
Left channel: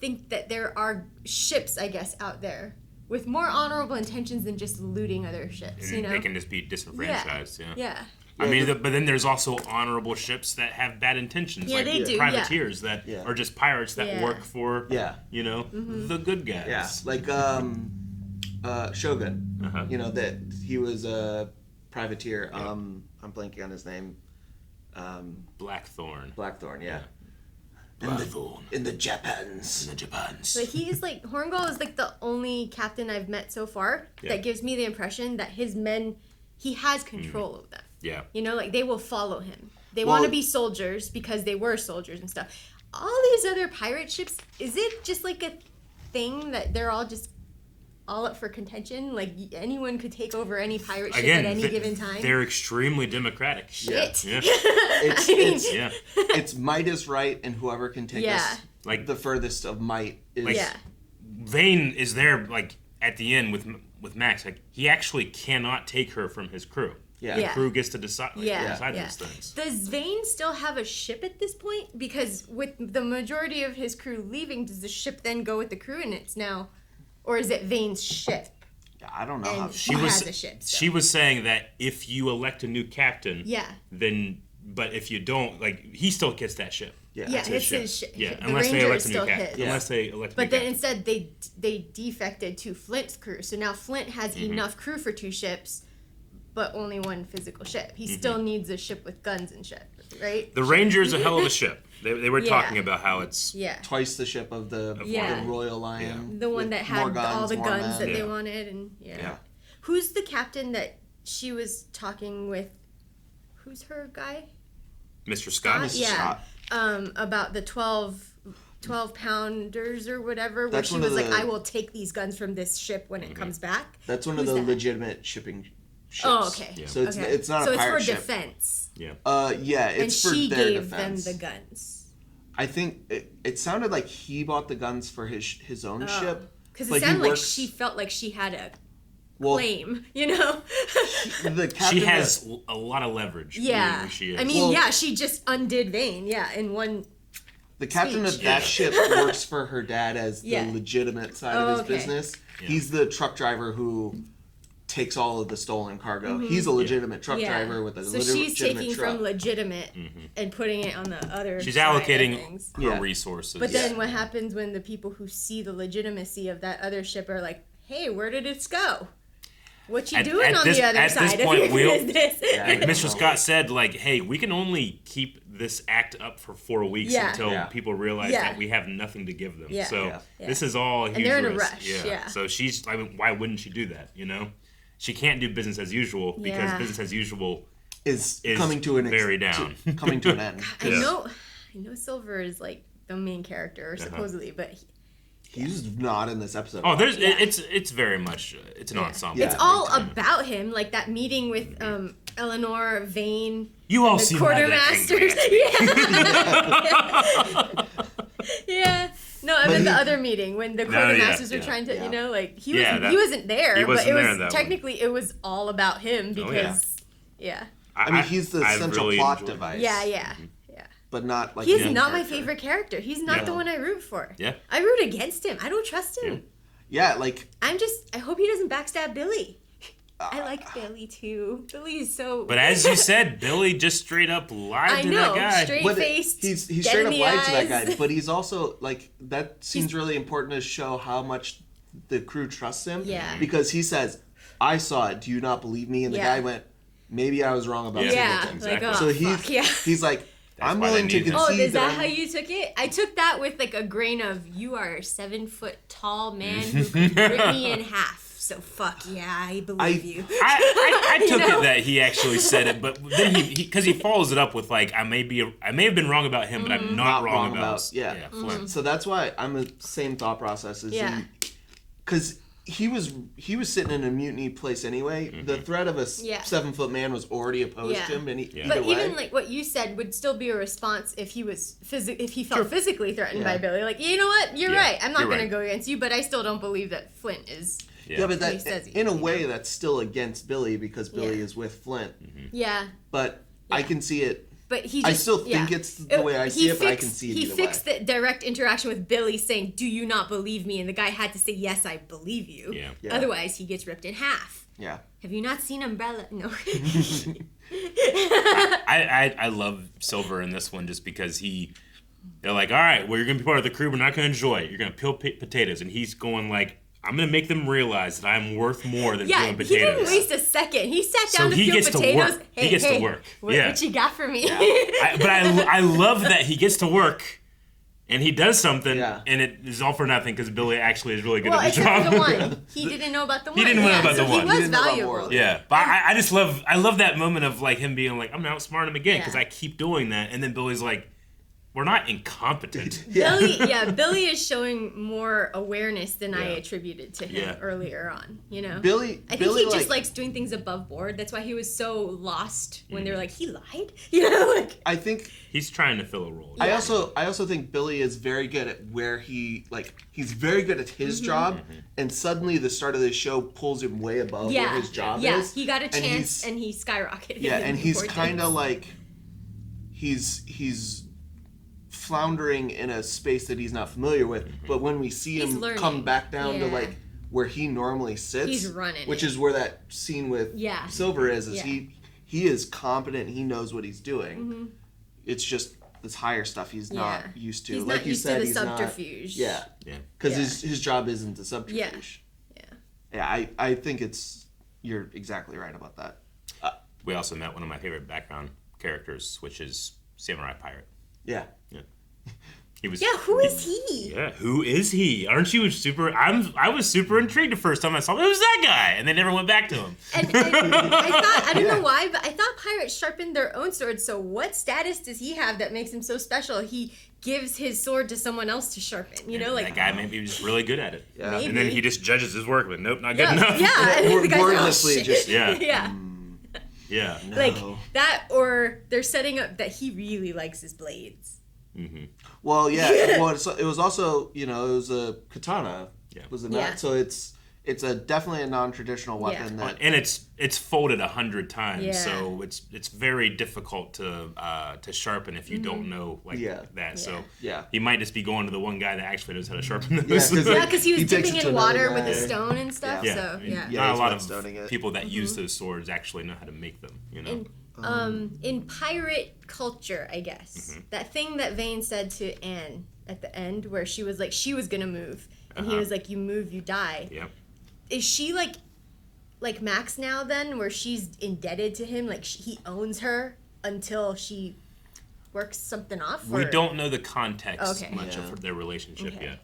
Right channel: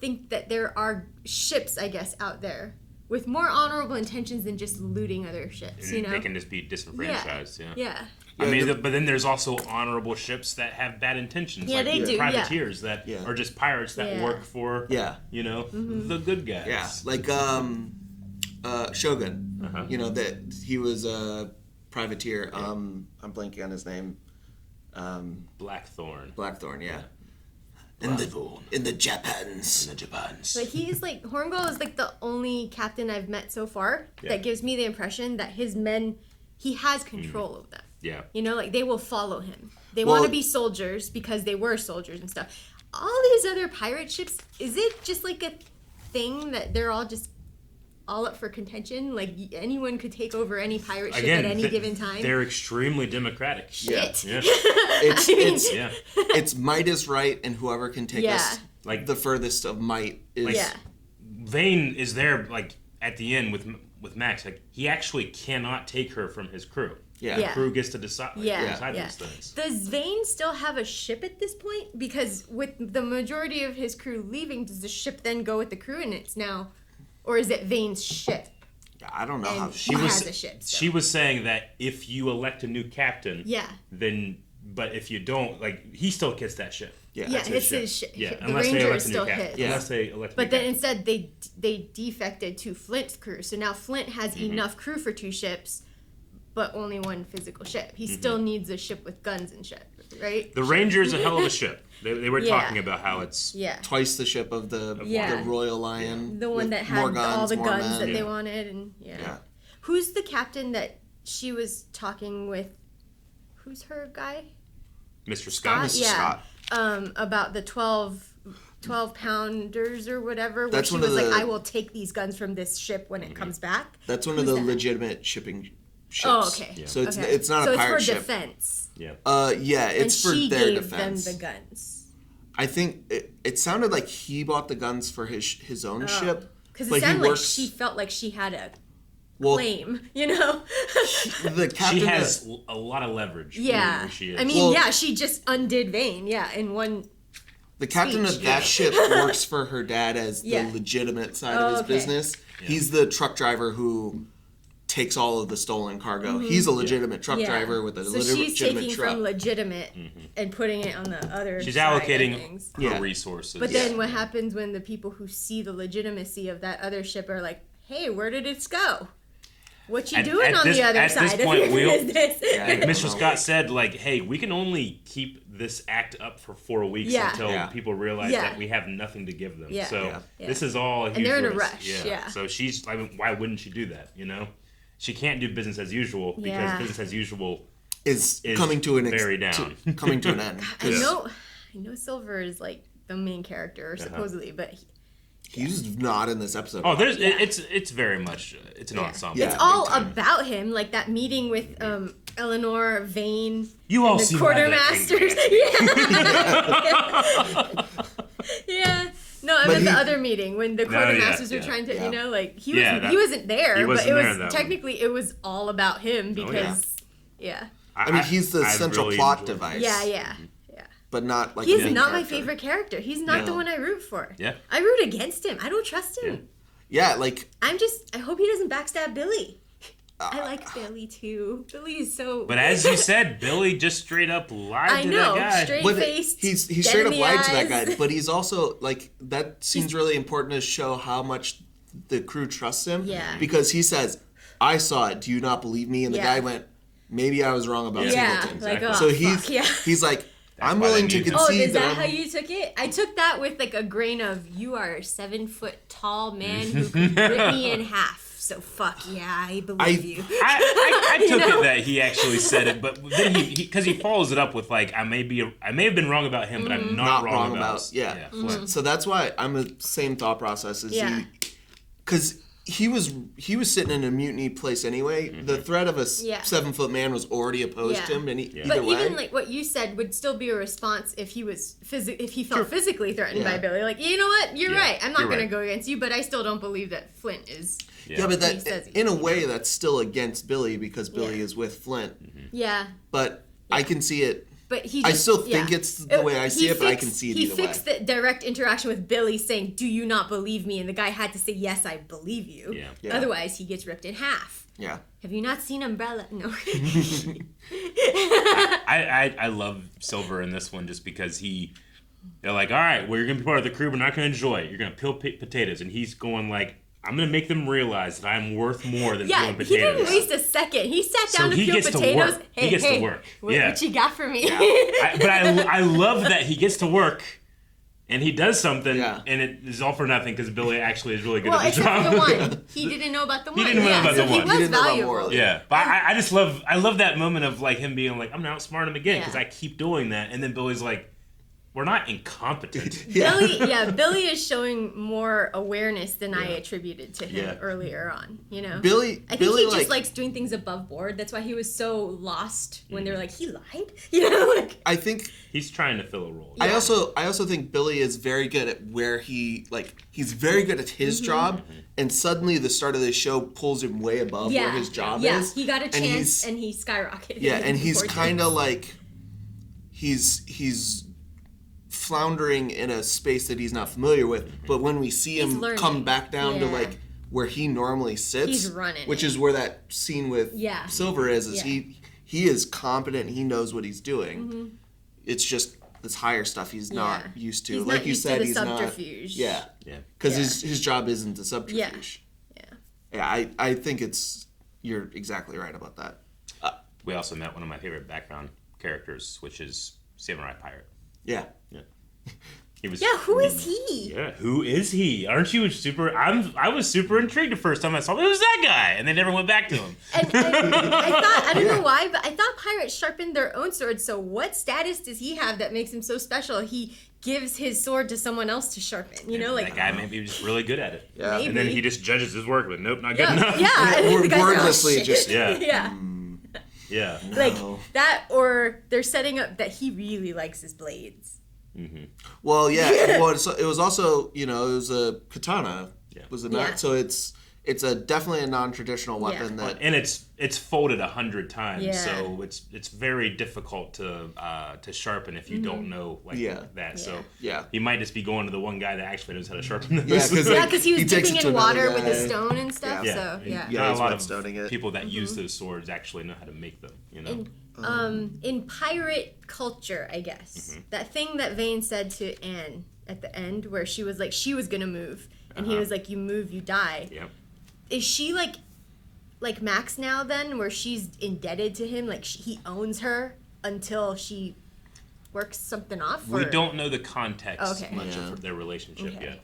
think that there are ships, I guess, out there with more honorable intentions than just looting other ships. And they can just be disenfranchised. Yeah. I mean, but then there's also honorable ships that have bad intentions, Yeah, like they do, privateers that are just pirates that work for, you know, the good guys. Yeah, like Shogun. You know that he was a privateer. I'm blanking on his name. Blackthorn. Blackthorn, yeah. In the Japans. But he's like, Hornigold is like the only captain I've met so far that gives me the impression that his men, he has control of them. Yeah. You know, like they will follow him. They want to be soldiers because they were soldiers and stuff. All these other pirate ships, is it just like a thing that they're all just all up for contention? Like anyone could take over any pirate ship at any given time? They're extremely democratic. Shit. Yeah. It's might is right, and whoever can take us like the furthest of might is. Like, Vane is there, like at the end with Max. Like he actually cannot take her from his crew. The crew gets to decide. Decide these things. Does Vane still have a ship at this point? Because with the majority of his crew leaving, does the ship then go with the crew and it's now, or is it Vane's ship? I don't know. And he has a ship. So. She was saying that if you elect a new captain, then but if you don't, like he still gets that ship. It's his ship. Yeah, The unless they Ranger elect is a new still captain. his. Unless they elect. But then instead they defected to Flint's crew, so now Flint has enough crew for 2 ships. But only 1 physical ship. He still needs a ship with guns and shit, right? The Ranger's a hell of a ship. They were talking about how it's twice the ship of the Royal Lion. The one that had all the guns that they wanted. And who's the captain that she was talking with? Who's her guy? Mr. Scott? Mr. Scott. About the 12 pounders or whatever, where she was like, I will take these guns from this ship when it comes back. That's one of the legitimate shipping ships. Oh, okay. Yeah. So it's not a pirate ship. So it's for defense. It's for their defense. And she gave them the guns. I think it sounded like he bought the guns for his own ship. Because it sounded like she felt like she had a claim, you know? She has a lot of leverage. Yeah. She is. I mean, she just undid Vane, in one The captain of that ship works for her dad as the legitimate side of his business. Yeah. He's the truck driver who takes all of the stolen cargo. He's a legitimate truck driver with a legitimate truck. So she's taking from legitimate and putting it on the other She's side allocating her resources. But then what happens when the people who see the legitimacy of that other ship are like, hey, where did it go? What you doing on the other side of your business? Like Mr. Scott said, like, hey, we can only keep this act up for 4 weeks until people realize that we have nothing to give them. So this is all a huge risk. In a rush. Yeah. So she's, I mean, why wouldn't she do that, you know? She can't do business as usual because business as usual is coming to very down. Coming to an end. I know Silver is like the main character supposedly, but he's not in this episode. Oh, it's very much it's an ensemble. It's all about him, like that meeting with Eleanor, Vane, you all the see quartermasters. Yeah. No, I meant the other meeting when the quartermasters were trying to, you know, like he wasn't there, but it was technically it was all about him because I mean, he's the central really plot device. Yeah. But not like he's not my favorite character. He's not the one I root for. I root against him. I don't trust him. Yeah, like I hope he doesn't backstab Billy. I like Billy too. Billy is so. But as you said, Billy just straight up lied to that guy. Straight faced. He straight up lied to that guy. But he's also like that seems really important to show how much the crew trusts him. Yeah. Because he says, "I saw it. Do you not believe me?" And the guy went, "Maybe I was wrong about Singleton." Exactly. Like, so he's like, "I'm willing to concede." Is that how you took it? I took that with like a grain of, you are a 7-foot tall man who can rip me in half. So fuck yeah, I believe you. I took it that he actually said it, but then because he follows it up with like, I may have been wrong about him, but I'm not wrong about Flint. So that's why I'm the same thought process as you, because he was sitting in a mutiny place anyway. The threat of a 7-foot man was already opposed to him, and but even like what you said would still be a response if he was if he felt physically threatened by Billy. Like, you know what, you're right. I'm not going to go against you, but I still don't believe that Flint is. Yeah, but that in a way that's still against Billy because Billy is with Flint. Yeah. But I can see it. But I still think it's the way I see it, but I can see it either way. He fixed the direct interaction with Billy saying, "Do you not believe me?" And the guy had to say, "Yes, I believe you." Yeah. Otherwise, he gets ripped in half. Yeah. Have you not seen Umbrella? No. I love Silver in this one just because they're like, all right, well, you're going to be part of the crew. We're not going to enjoy it. You're going to peel potatoes. And he's going like, I'm going to make them realize that I'm worth more than peeling potatoes. He didn't waste a second. He sat down to peel potatoes. To work. Hey, he gets to work. What you got for me? Yeah. But I love that he gets to work and he does something and it is all for nothing because Billy actually is really good at the job. The one. He didn't know about the one. He didn't know about the one. He was valuable. Yeah. But I just love that moment of like him being like, I'm going to outsmart him again because I keep doing that. And then Billy's like, we're not incompetent. Billy is showing more awareness than I attributed to him earlier on. You know, I think he just likes doing things above board. That's why he was so lost when they were like, he lied. You know, like I think he's trying to fill a role. I also think Billy is very good at where he's very good at his job, and suddenly the start of the show pulls him way above where his job is. Yeah, he got a chance and he skyrocketed. Yeah, and he's kind of like he's floundering in a space that he's not familiar with, but when we see him come back down to like where he normally sits, he's running which is where that scene with Silver is he is competent, he knows what he's doing. It's just this higher stuff he's not used to. He's like not you used said, to the he's subterfuge. Because his job isn't the subterfuge. I think you're exactly right about that. We also met one of my favorite background characters, which is Samurai Pirate. Yeah. He was. Yeah, who is he? Yeah, who is he? Aren't you super? I was super intrigued the first time I saw him. Who's that guy? And they never went back to him. And I thought, I don't know why, but I thought pirates sharpened their own swords. So what status does he have that makes him so special? He gives his sword to someone else to sharpen. You know, like that guy maybe was just really good at it. Yeah. And then he just judges his work, but nope, not good enough. Yeah, wordlessly just yeah. Like that, or they're setting up that he really likes his blades. Well, yeah. Well, it was also, it was a katana. Yeah. Was it not? Yeah. So it's definitely a non-traditional weapon that, and it's folded 100 times. Yeah. So it's very difficult to sharpen if you don't know that. Yeah. So he might just be going to the one guy that actually knows how to sharpen those. Yeah, because he was dipping in water with a stone and stuff. Yeah. So not a lot of people that use those swords actually know how to make them. You know. In pirate culture, I guess, that thing that Vane said to Anne at the end where she was like, she was gonna move, and he was like, you move, you die. Yep. Is she like Max now then, where she's indebted to him, like he owns her until she works something off? We don't know the context much of their relationship yet.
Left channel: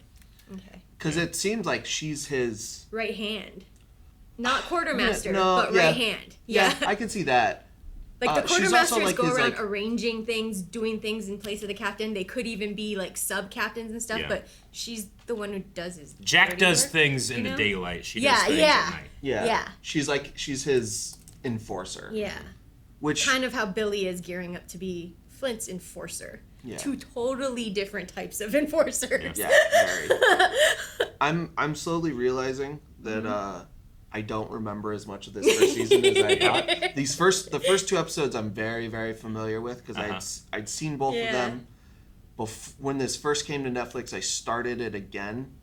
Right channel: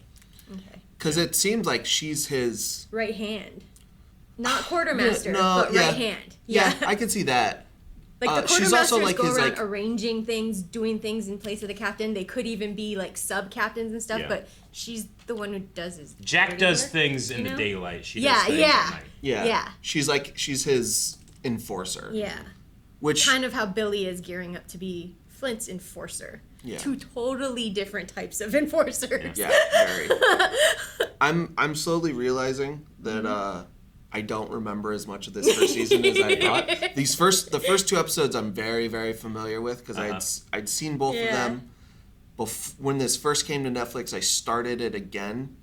Okay. Because it seems like she's his right hand, not quartermaster, but right hand. Yeah, I can see that. Like the quartermasters go around arranging things, doing things in place of the captain. They could even be like sub-captains and stuff, but she's the one who does his Jack does work, things in the daylight. She does things at night. Yeah. She's his enforcer. Yeah. Which kind of how Billy is gearing up to be Flint's enforcer. Yeah. Two totally different types of enforcers. Yeah, very. I'm slowly realizing that I don't remember as much of this first season as I thought. The first two episodes I'm very, very familiar with because I'd seen both of them. When this first came to Netflix, I started it again,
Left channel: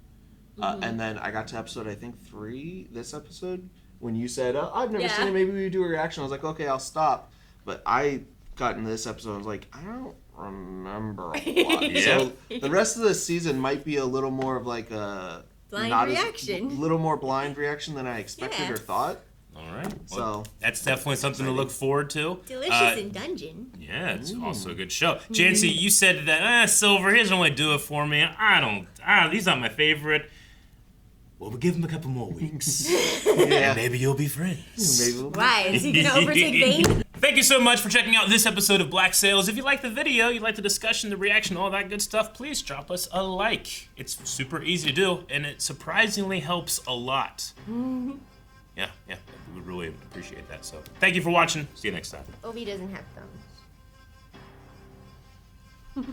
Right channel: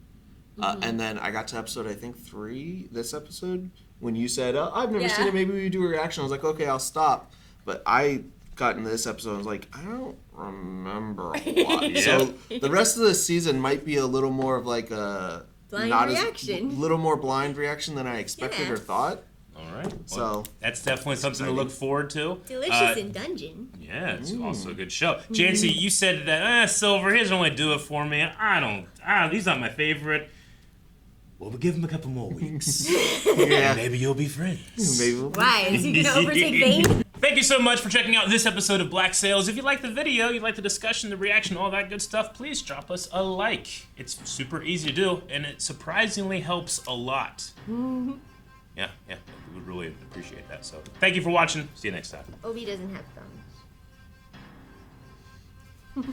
and then I got to episode I think 3 this episode when you said, "Oh, I've never seen it. Maybe we do a reaction." I was like, "Okay, I'll stop." But I got into this episode. I was like, I don't remember a lot. So the rest of the season might be a little more of like a blind reaction. A little more blind reaction than I expected or thought. All right. So Well, that's definitely something to look forward to. Delicious in Dungeon. Yeah, it's also a good show. Janci, you said that Silver, he doesn't really do it for me. He's not my favorite. Well, we'll give him a couple more weeks. And maybe you'll be friends. Why? Is he going to overtake Vane? Thank you so much for checking out this episode of Black Sails. If you like the video, you like the discussion, the reaction, all that good stuff, please drop us a like. It's super easy to do, and it surprisingly helps a lot. Yeah, we would really appreciate that. So thank you for watching. See you next time. Obi doesn't have thumbs.